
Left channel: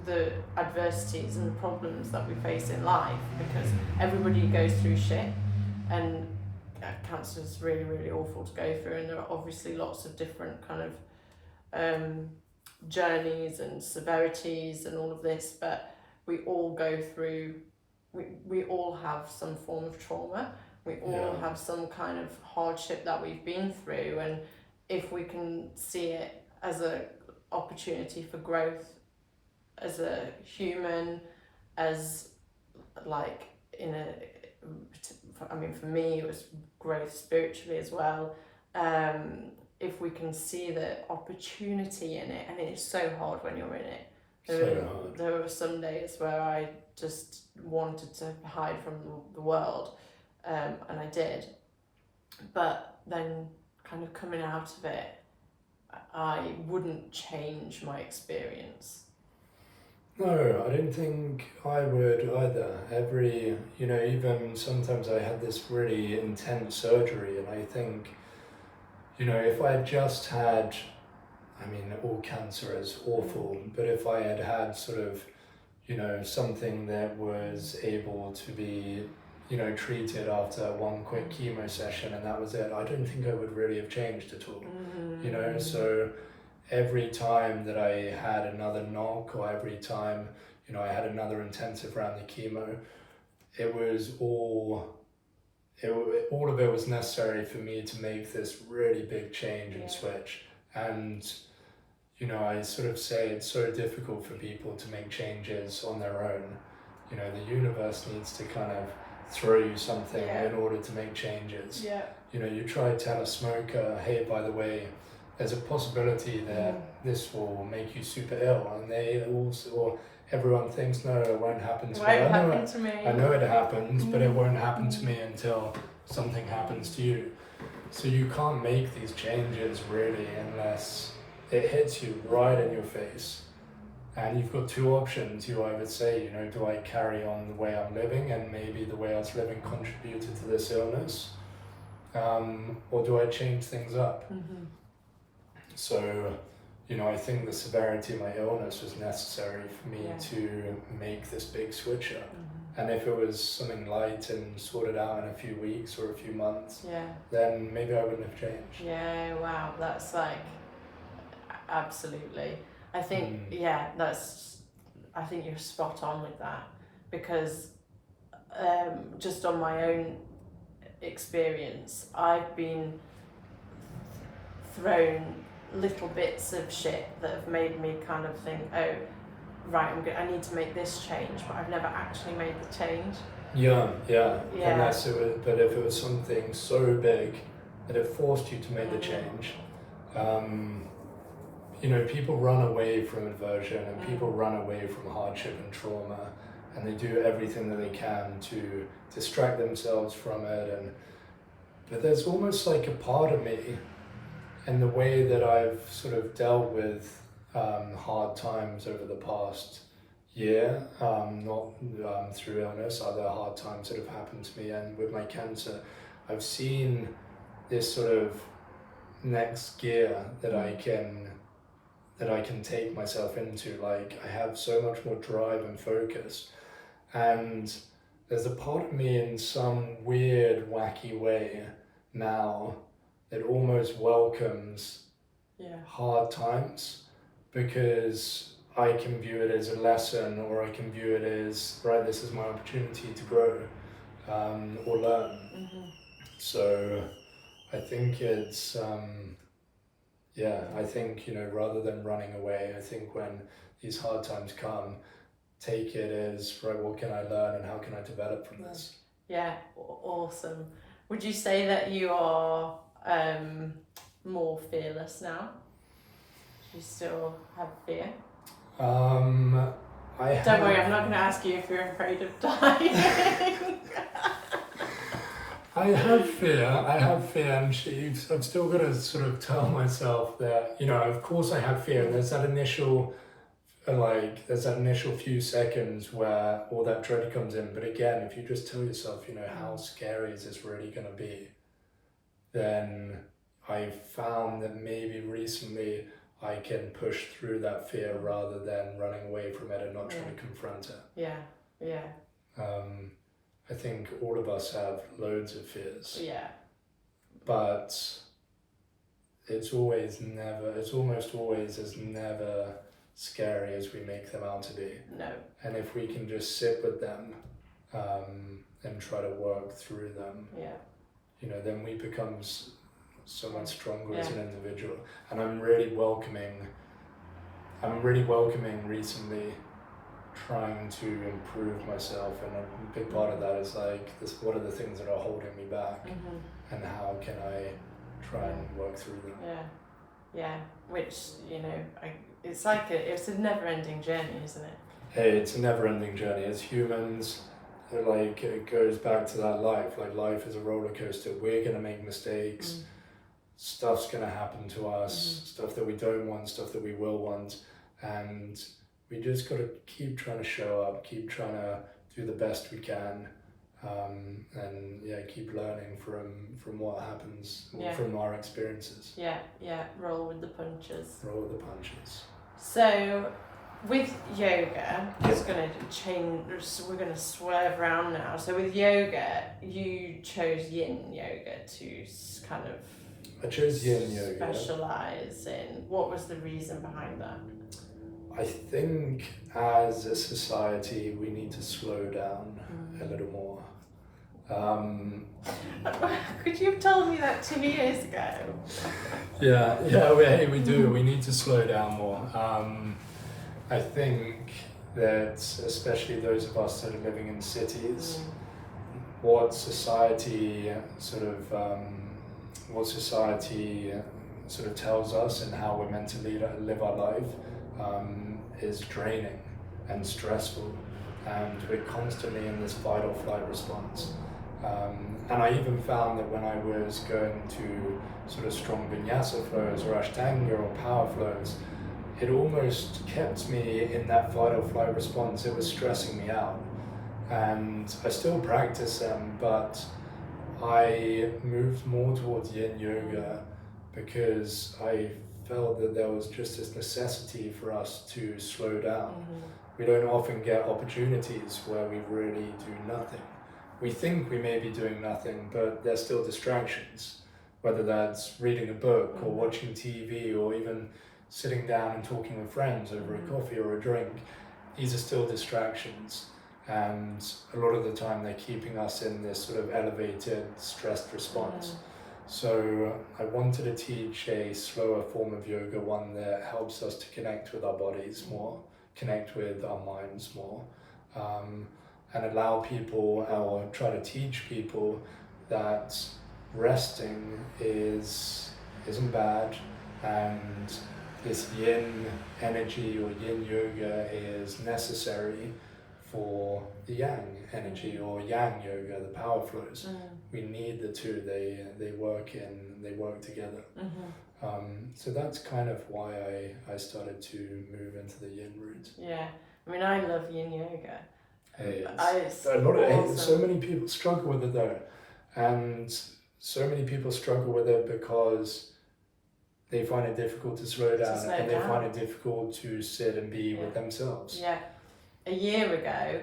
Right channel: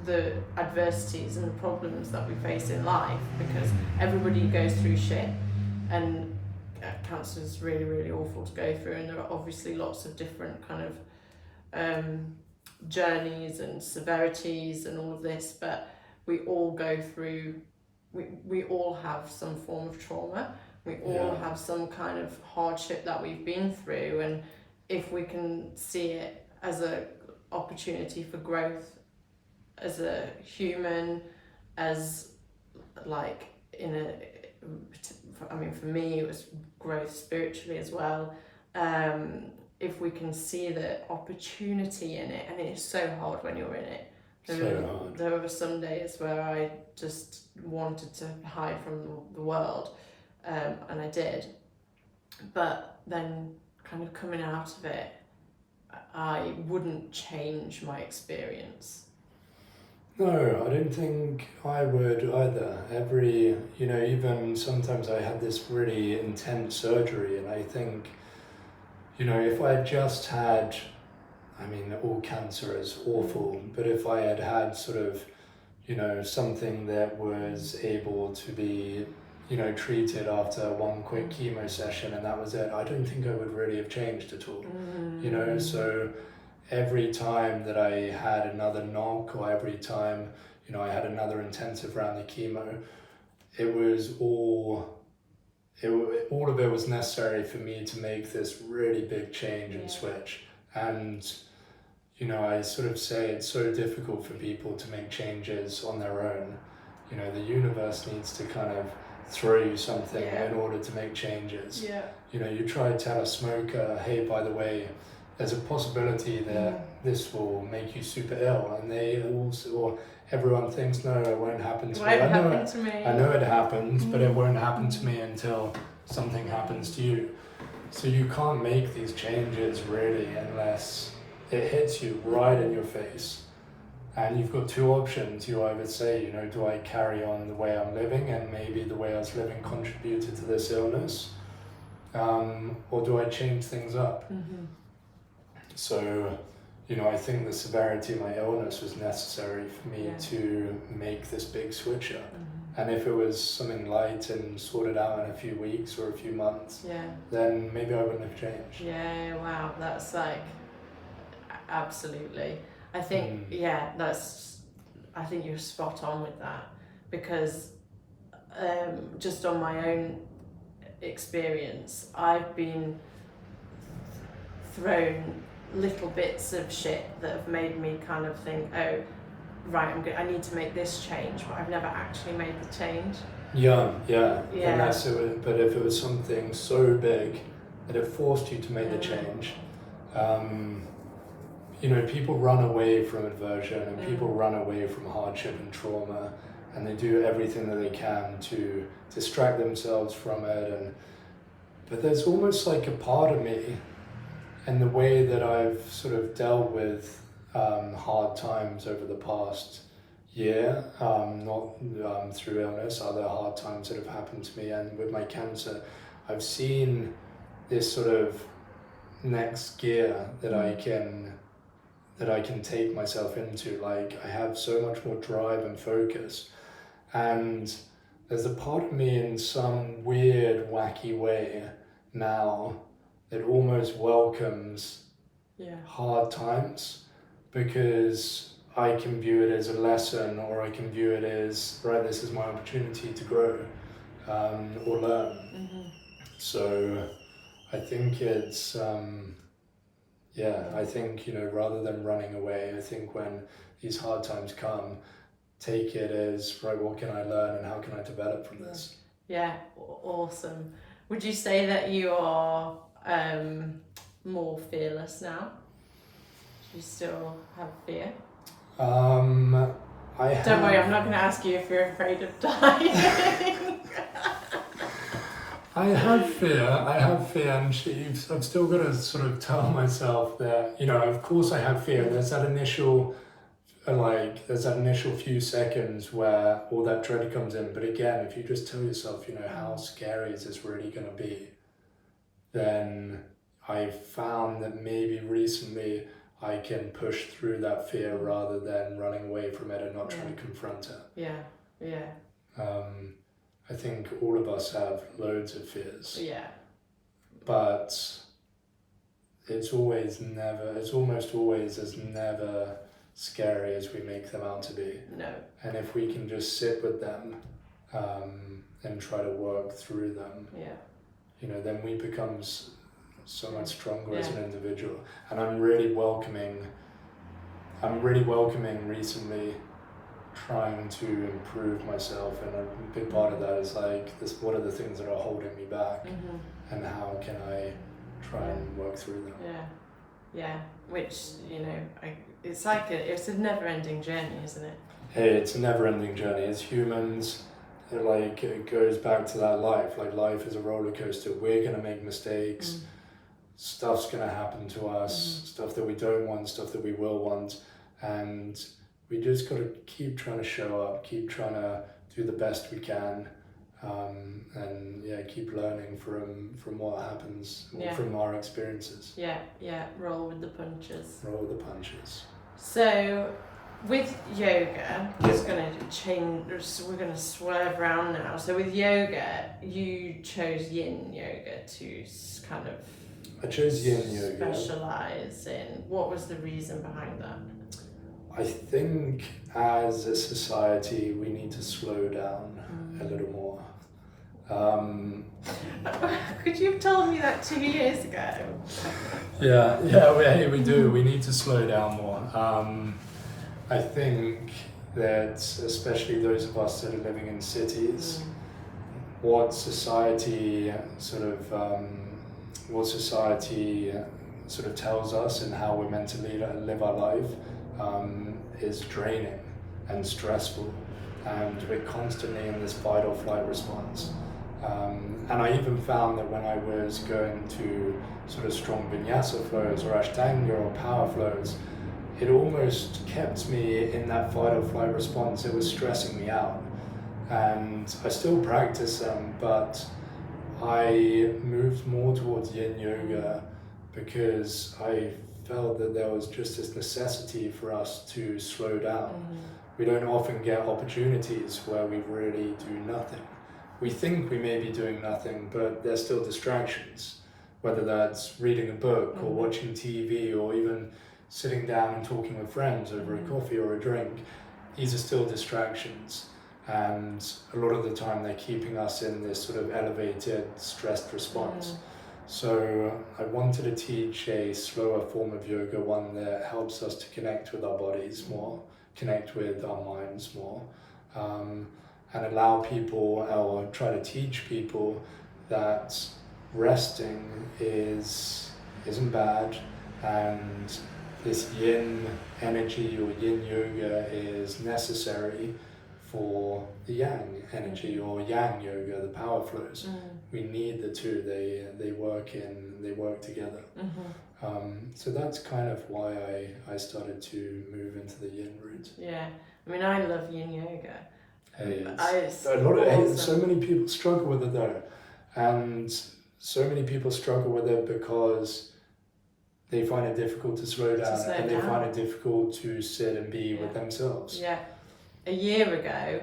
the adversities and the problems that we face in life, because everybody goes through shit, and cancer is really, really awful to go through, and there are obviously lots of different kind of journeys and severities and all of this, but we all go through, we all have some form of trauma, we all have some kind of hardship that we've been through, and if we can see it as a opportunity for growth as a human, as like I mean, for me it was growth spiritually as well. If we can see the opportunity in it, and it's so hard when you're in it. There were some days where I just wanted to hide from the world, and I did. But then kind of coming out of it, I wouldn't change my experience. No, I don't think I would either. You know, even sometimes I had this really intense surgery, and I think, you know, if I had just had, I mean, all cancer is awful, but if I had had sort of, you know, something that was able to be, you know, treated after one quick chemo session and that was it, I don't think I would really have changed at all. You know, so every time that I had another knock, or every time, you know, I had another intensive round of chemo, it was all of it was necessary for me to make this really big change and switch. And, you know, I sort of say it's so difficult for people to make changes on their own. You know, the universe needs to kind of throw you something in order to make changes. You know, you try to tell a smoker, hey, by the way, there's a possibility that this will make you super ill, and they also, or everyone thinks, no, it won't happen to me. I know it happens, but it won't happen to me until something happens to you. So you can't make these changes really unless it hits you right in your face. And you've got two options. You either say, you know, do I carry on the way I'm living, and maybe the way I was living contributed to this illness, or do I change things up? So I think the severity of my illness was necessary for me to make this big switch up. And if it was something light and sorted out in a few weeks or a few months, then maybe I wouldn't have changed. Yeah, wow, that's like, absolutely. I think, I think you're spot on with that, because just on my own experience, I've been thrown little bits of shit that have made me kind of think, oh, right, I need to make this change, but I've never actually made the change. Yeah. Unless but if it was something so big that it forced you to make the change, people run away from aversion and people run away from hardship and trauma, and they do everything that they can to distract themselves from it. But there's almost like a part of me, and the way that I've sort of dealt with hard times over the past year, not through illness, other hard times that have happened to me, and with my cancer, I've seen this sort of next gear that I can take myself into. Like, I have so much more drive and focus, and there's a part of me in some weird, wacky way now that almost welcomes hard times, because I can view it as a lesson, or I can view it as, right, this is my opportunity to grow or learn. So I think it's, I think, rather than running away, I think when these hard times come, take it as, right, what can I learn and how can I develop from this? Yeah, awesome. Would you say that you are more fearless now? Do you still have fear? Don't worry, I'm not going to ask you if you're afraid of dying. I have fear, and I've still got to sort of tell myself that, of course I have fear. There's that initial few seconds where all that dread comes in. But again, if you just tell yourself, how scary is this really going to be, then I've found that maybe recently I can push through that fear rather than running away from it and not trying to confront it. I think all of us have loads of fears. But it's almost always as never scary as we make them out to be. No. And if we can just sit with them and try to work through them, then we become so much stronger as an individual. And I'm really welcoming recently trying to improve myself, and a big part of that is like this, what are the things that are holding me back, and how can I try and work through them. Which it's like it's a never-ending journey, isn't it? Hey, it's a never-ending journey. As humans, it goes back to that life. Like, life is a roller coaster. We're gonna make mistakes. Stuff's gonna happen to us. Stuff that we don't want, stuff that we will want, and we just got to keep trying to show up, keep trying to do the best we can, and keep learning from what happens, from our experiences. Roll with the punches. Roll with the punches. So, with yoga, just going to change, we're going to swerve around now. So with yoga, you chose yin yoga to kind of... I chose yin yoga. Specialise in. What was the reason behind that? I think as a society we need to slow down a little more. Could you have told me that 2 years ago? We do. We need to slow down more. I think that especially those of us that are living in cities, what society sort of tells us and how we're meant to live our life is draining and stressful, and we're constantly in this fight or flight response. And I even found that when I was going to sort of strong vinyasa flows or ashtanga or power flows, it almost kept me in that fight or flight response. It was stressing me out, and I still practice them, but I moved more towards yin yoga because I felt that there was just this necessity for us to slow down. Mm-hmm. We don't often get opportunities where we really do nothing. We think we may be doing nothing, but there's still distractions, whether that's reading a book or watching TV or even sitting down and talking with friends over a coffee or a drink. These are still distractions, and a lot of the time they're keeping us in this sort of elevated, stressed response. So I wanted to teach a slower form of yoga, one that helps us to connect with our bodies more, connect with our minds more, and allow people, or try to teach people, that resting isn't bad, and this yin energy or yin yoga is necessary for the yang energy or yang yoga, the power flows. We need the two. They work together. So that's kind of why I started to move into the yin route. Yeah, I mean, I love yin yoga. So many people struggle with it though, and so many people struggle with it because they find it difficult to slow down, they find it difficult to sit and be with themselves. Yeah. A year ago,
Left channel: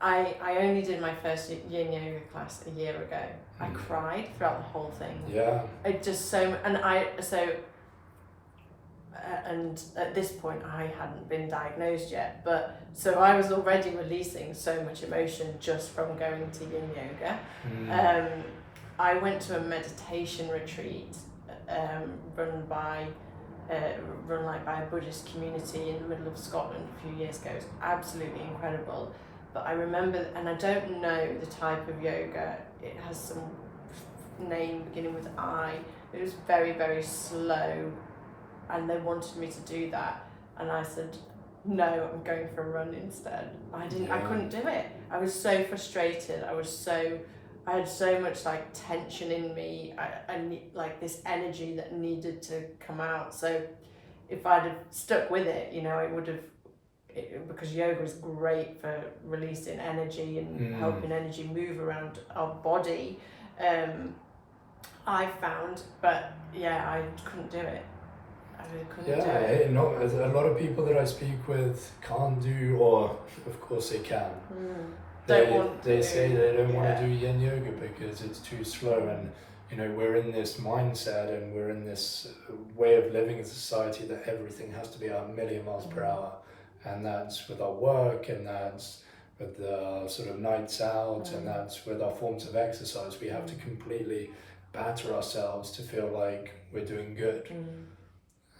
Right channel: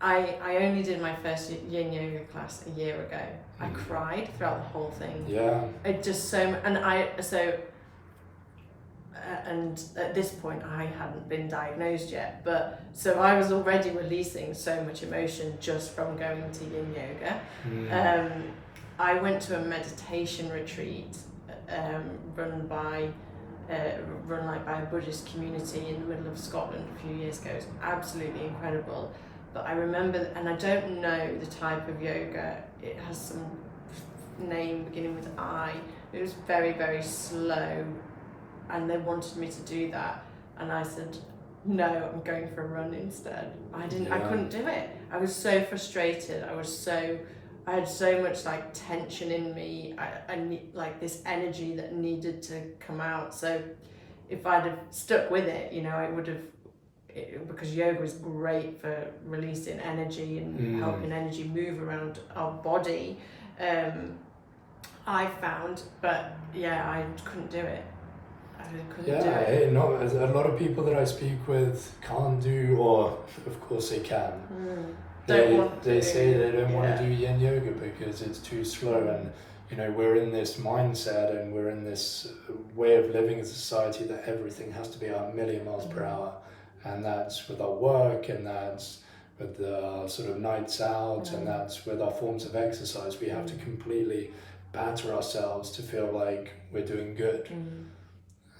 I only did my first yin yoga class a year ago. I cried throughout the whole thing. Yeah. It just and at this point I hadn't been diagnosed yet, but so I was already releasing so much emotion just from going to yin yoga. I went to a meditation retreat run by a Buddhist community in the middle of Scotland a few years ago. It was absolutely incredible. But I remember, and I don't know the type of yoga, it has some name beginning with I. It was very, very slow, and they wanted me to do that, and I said, no, I'm going for a run instead. I couldn't do it. I was so frustrated. I had so much like tension in me. I need like this energy that needed to come out. So if I'd have stuck with it, it would have, because yoga is great for releasing energy and helping energy move around our body. I found, but yeah, I couldn't do it. I really couldn't do it. No, a lot of people that I speak with can't do, or of course they can. They say they don't want to do yin yoga because it's too slow, and we're in this mindset and we're in this way of living as a society that everything has to be a million miles per hour, and that's with our work, and that's with the sort of nights out, and that's with our forms of exercise. We have to completely batter ourselves to feel like we're doing good.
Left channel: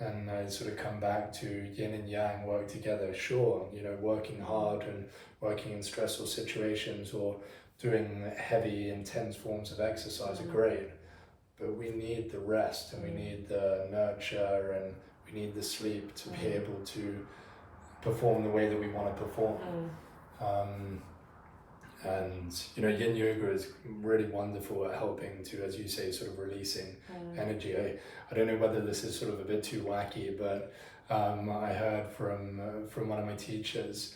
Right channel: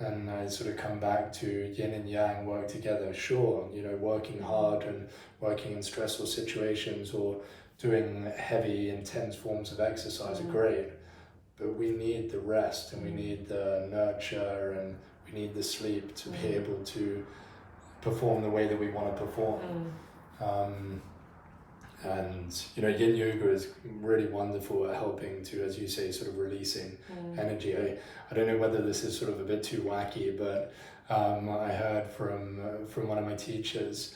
And I sort of come back to yin and yang work together. Sure, working hard and working in stressful situations or doing heavy, intense forms of exercise are great, but we need the rest, and we need the nurture, and we need the sleep to be able to perform the way that we want to perform. And yin yoga is really wonderful at helping to, as you say, sort of releasing energy. I don't know whether this is sort of a bit too wacky, but I heard from one of my teachers,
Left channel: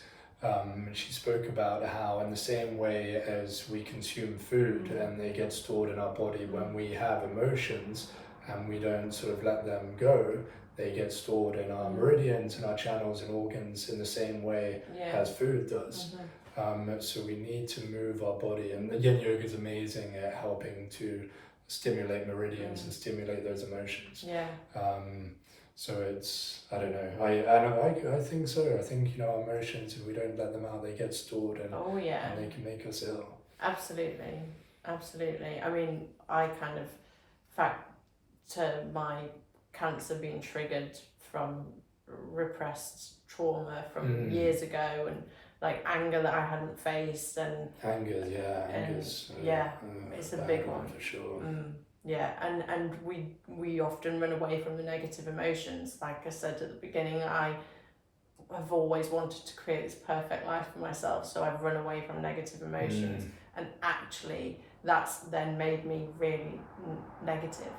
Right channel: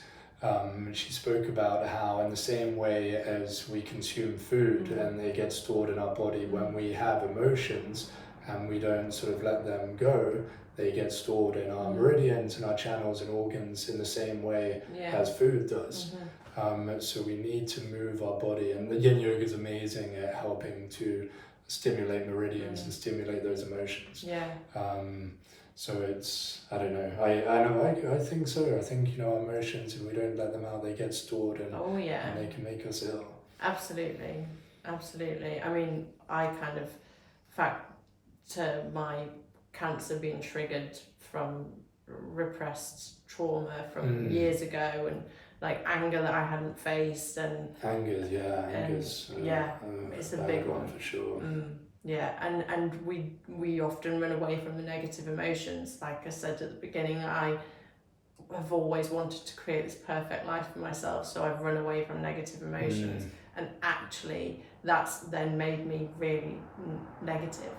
she spoke about how in the same way as we consume food and they get stored in our body, when we have emotions and we don't sort of let them go, they get stored in our meridians and our channels and organs in the same way as food does. So we need to move our body, and the yin yoga is amazing at helping to stimulate meridians and stimulate those emotions. So it's, I don't know, I think so. I think, our emotions, if we don't let them out, they get stored and they can make us ill. Absolutely. I mean, I kind of factor my cancer being triggered from repressed trauma from years ago, and like anger that I hadn't faced, and anger's it's a big one for sure. And we often run away from the negative emotions. Like I said at the beginning, I have always wanted to create this perfect life for myself, so I've run away from negative emotions, and actually that's then made me really negative.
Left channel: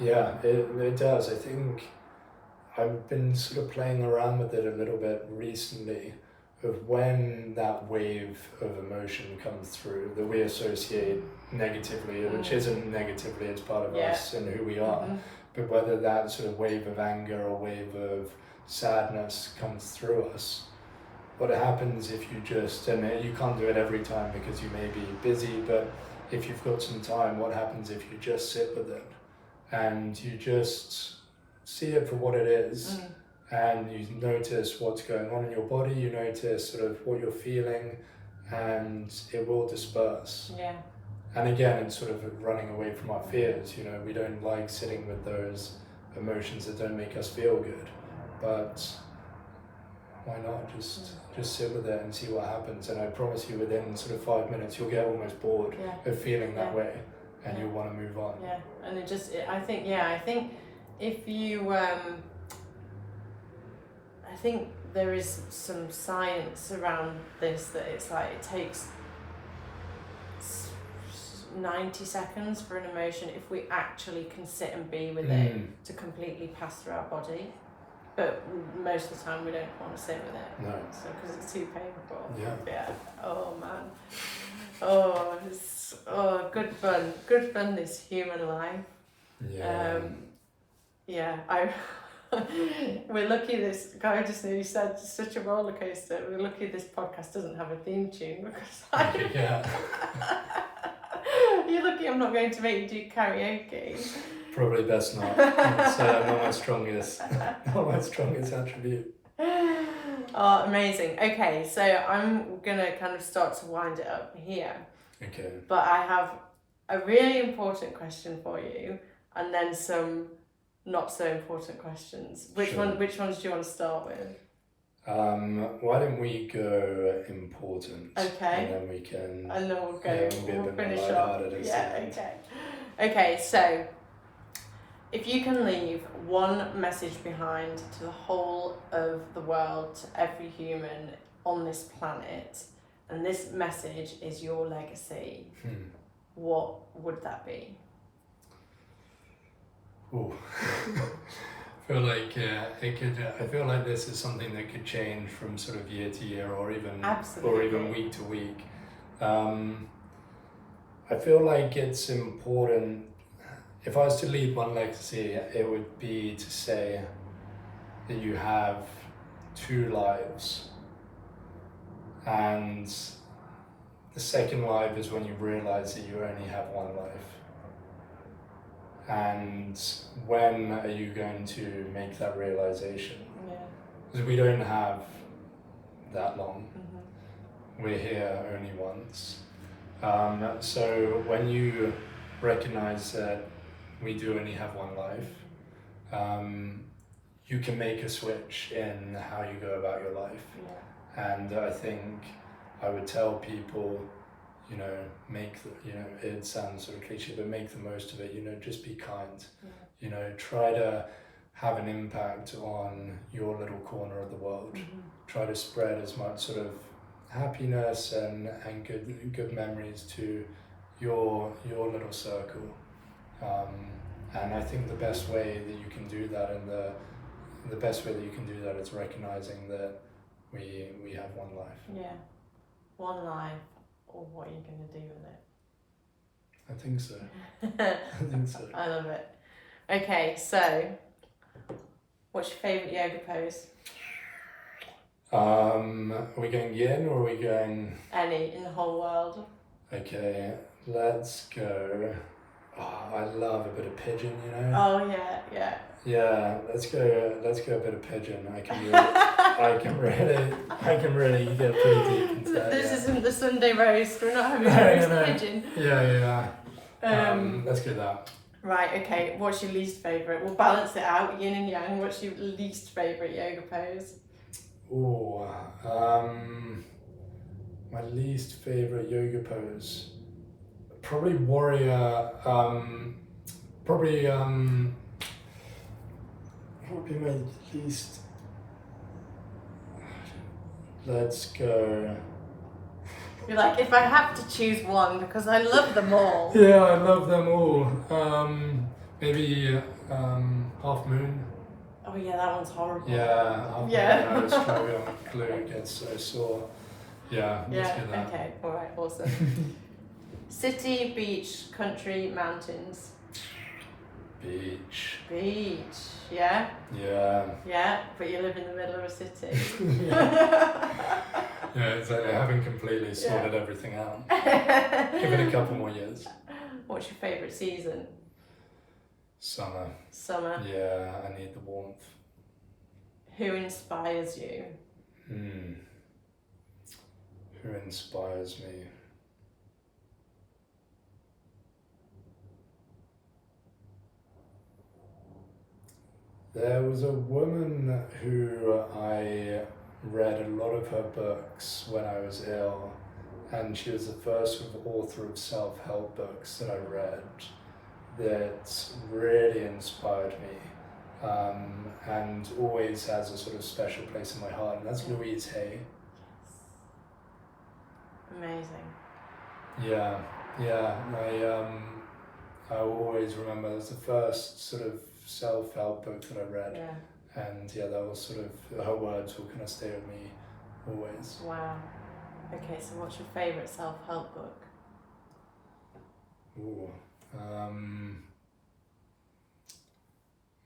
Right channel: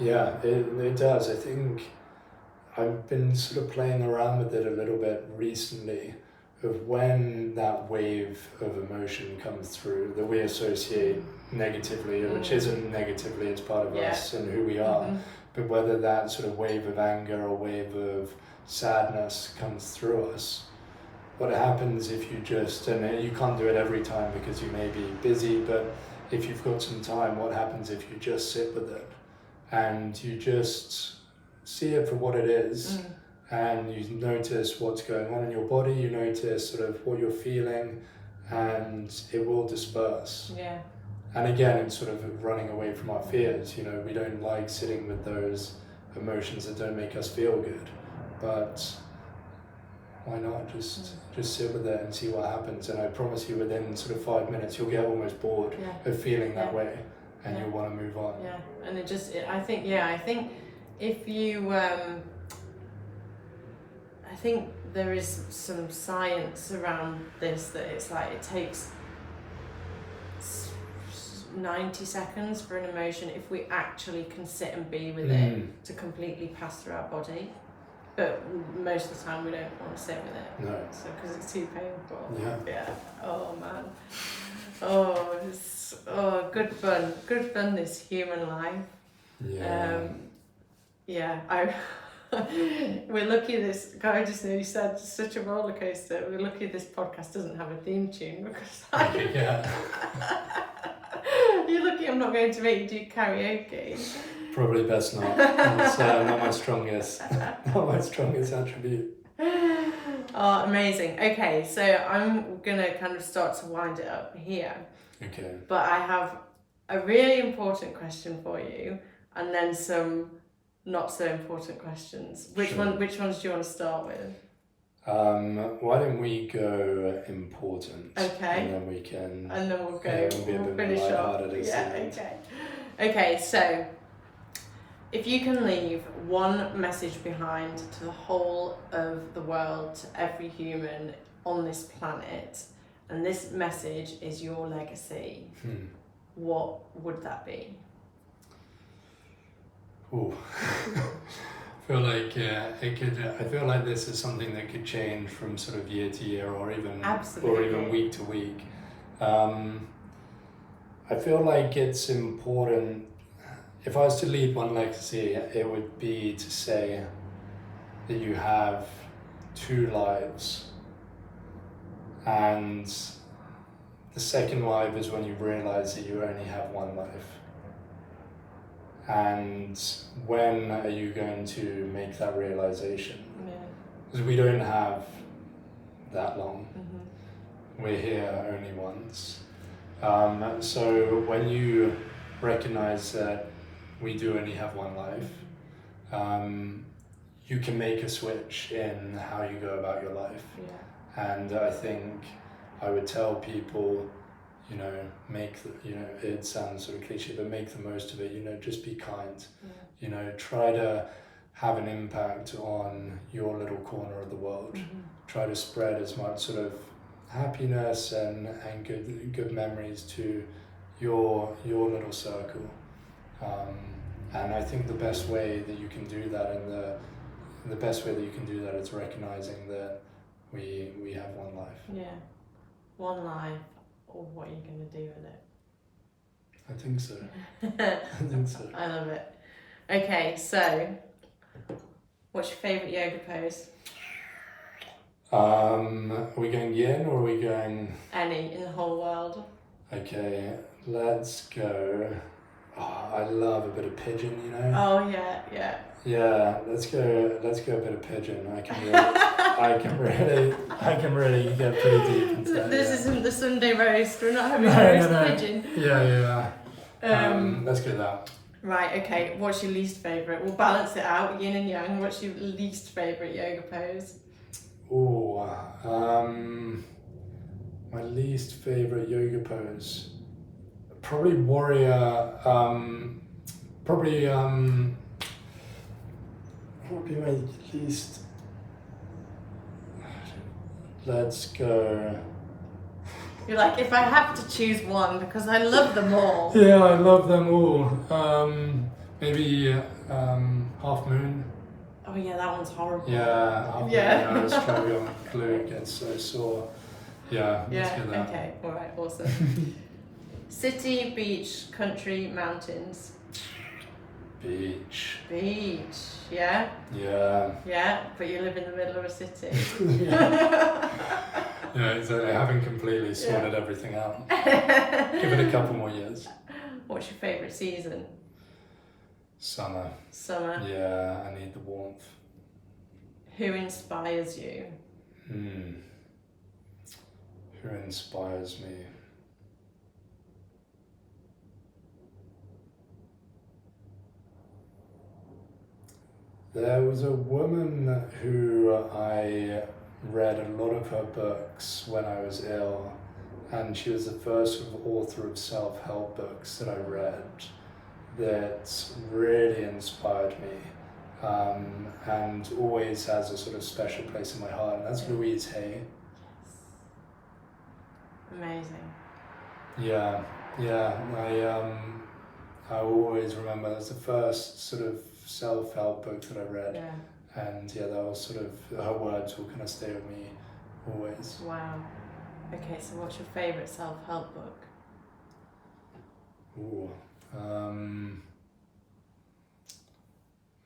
It does. I think I've been sort of playing around with it a little bit recently, of when that wave of emotion comes through that we associate negatively, which isn't negatively, it's part of us and who we are. but whether that sort of wave of anger or wave of sadness comes through us, what happens if you just, and you can't do it every time because you may be busy, but if you've got some time, what happens if you just sit with it and you just see it for what it is, and you notice what's going on in your body, you notice sort of what you're feeling, and it will disperse. Yeah. And again, it's sort of running away from our fears. You know, we don't like sitting with those emotions that don't make us feel good, but why not just sit with it and see what happens? And I promise you, within sort of 5 minutes, you'll get almost bored of feeling that way, and you'll want to move on. Yeah, and I think if you, I think there is some science around this, that it's like it takes 90 seconds for an emotion, if we actually can sit and be with it, to completely pass through our body. But most of the time we don't want to sit with it. No. So because it's too painful. Yeah. Oh man. Good fun this human life. Yeah. We're lucky this guy just nearly said it's such a roller coaster. We're lucky this podcast doesn't have a theme tune, because you're lucky I'm not going to make you do karaoke. Probably best not. It's not my strongest attribute. Oh, amazing. Okay, so I'm gonna kind of start to wind it up here. Okay. But I have a really important question for you, and then some not so important questions. Which ones do you want to start with? Why don't we go important? Okay. And then we'll go. We'll finish off. Yeah. Okay. Okay. So, if you can leave one message behind to the whole of the world, to every human on this planet, and this message is your legacy, what would that be? Ooh. I feel like it could. I feel like this is something that could change from sort of year to year, or even week to week. I feel like it's important. If I was to leave one legacy, it would be to say that you have two lives, and the second life is when you realize that you only have one life. And when are you going to make that realization? Yeah. Because we don't have that long. Mm-hmm. We're here only once. So when you recognize that we do only have one life, you can make a switch in how you go about your life. Yeah. And I think I would tell people, it sounds sort of cliche, but make the most of it, just be kind. Yeah. Try to have an impact on your little corner of the world. Mm-hmm. Try to spread as much sort of happiness and good memories to your little circle. And I think the best way that you can do that, and the best way that you can do that is recognizing that we have one life. Yeah, one life. Or what are you going to do with it? I think so. I love it. Okay, so what's your favourite yoga pose? Are we going yin or are we going... Any in the whole world. Okay, let's go... Oh, I love a bit of pigeon, Oh, yeah. Yeah, let's go a bit of pigeon. I can really get pretty deep into that. This isn't the Sunday roast. We're not having roast pigeon. Yeah. Let's do that. Right. Okay. What's your least favourite? We'll balance it out. Yin and yang. What's your least favourite yoga pose? Oh, my least favourite yoga pose. Probably warrior. Probably my least. Let's go. You're like, if I have to choose one, because I love them all. Yeah, I love them all. Maybe half moon. Oh yeah, that one's horrible. Yeah, half moon. I struggle. Glute gets so sore. Yeah, let's do that. Okay, all right, awesome. City, beach, country, mountains. Beach. Beach, yeah? Yeah. Yeah, but you live in the middle of a city. Yeah, exactly. I haven't completely sorted everything out. Give it a couple more years. What's your favourite season? Summer. Summer. Yeah, I need the warmth. Who inspires you? Who inspires me? There was a woman who I read a lot of her books when I was ill, and she was the first author of self-help books that I read that really inspired me, and always has a sort of special place in my heart, and that's Louise Hay. Amazing. Yeah, I always remember that's the first sort of self-help book that I read. Yeah. And yeah, that was sort of, her words will kind of stay with me always. Wow. Okay, so what's your favourite self-help book? Ooh,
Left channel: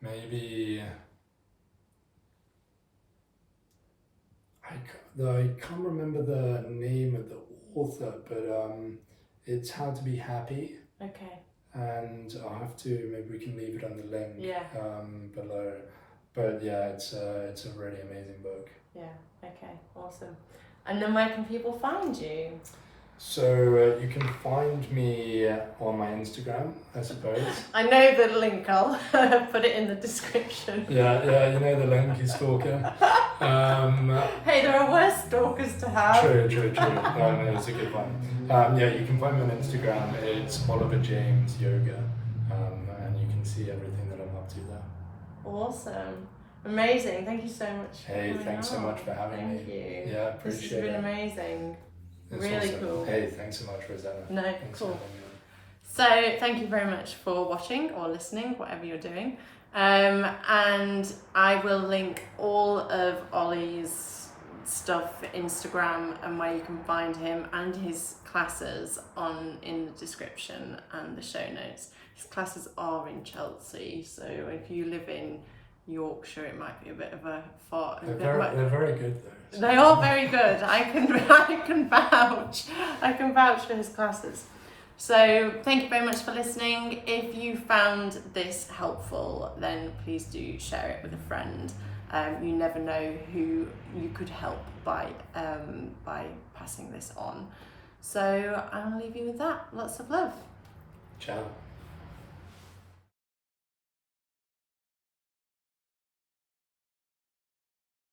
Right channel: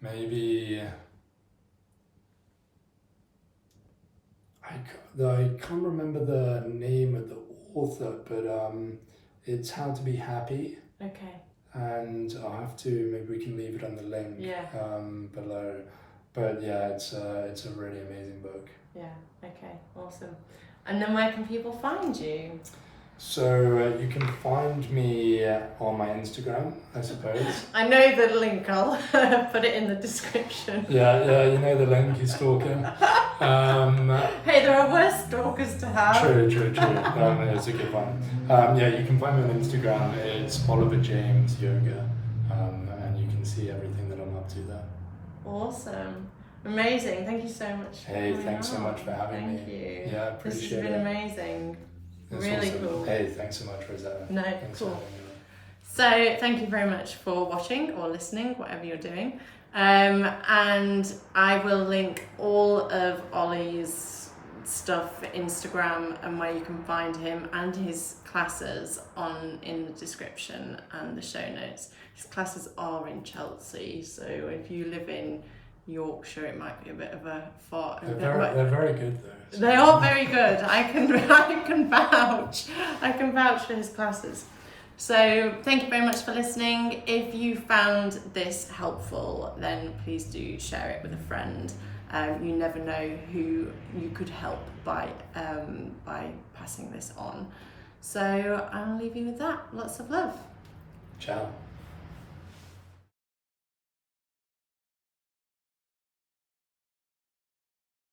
maybe, I can't remember the name of the author, but it's How to Be Happy. Okay. And I'll have to, maybe we can leave it on the link below. But yeah, it's a really amazing book. Yeah, okay, awesome. And then where can people find you? So you can find me on my Instagram, I suppose. I know the link, I'll put it in the description. Yeah, you know the link, you stalker. Hey, there are worse stalkers to have. True. It's a good one. Yeah, you can find me on Instagram, it's Oliver James Yoga, and you can see everything that I'm up to there. Awesome. Amazing. Thank you so much. Hey, thanks so much for having me. Thank you. Yeah, appreciate it. This has been amazing. That's really awesome. cool. Hey, thanks so much, Roseanna. No, Thanks cool. for having me. So thank you very much for watching or listening, whatever you're doing. And I will link all of Ollie's stuff, Instagram, and where you can find him and his classes in the description and the show notes. His classes are in Chelsea, so if you live in Yorkshire, it might be a bit of a far. They're very good though. They are very good. I can vouch for his classes. So thank you very much for listening. If you found this helpful, then please do share it with a friend. You never know who you could help by passing this on. So I'll leave you with that. Lots of love. Ciao.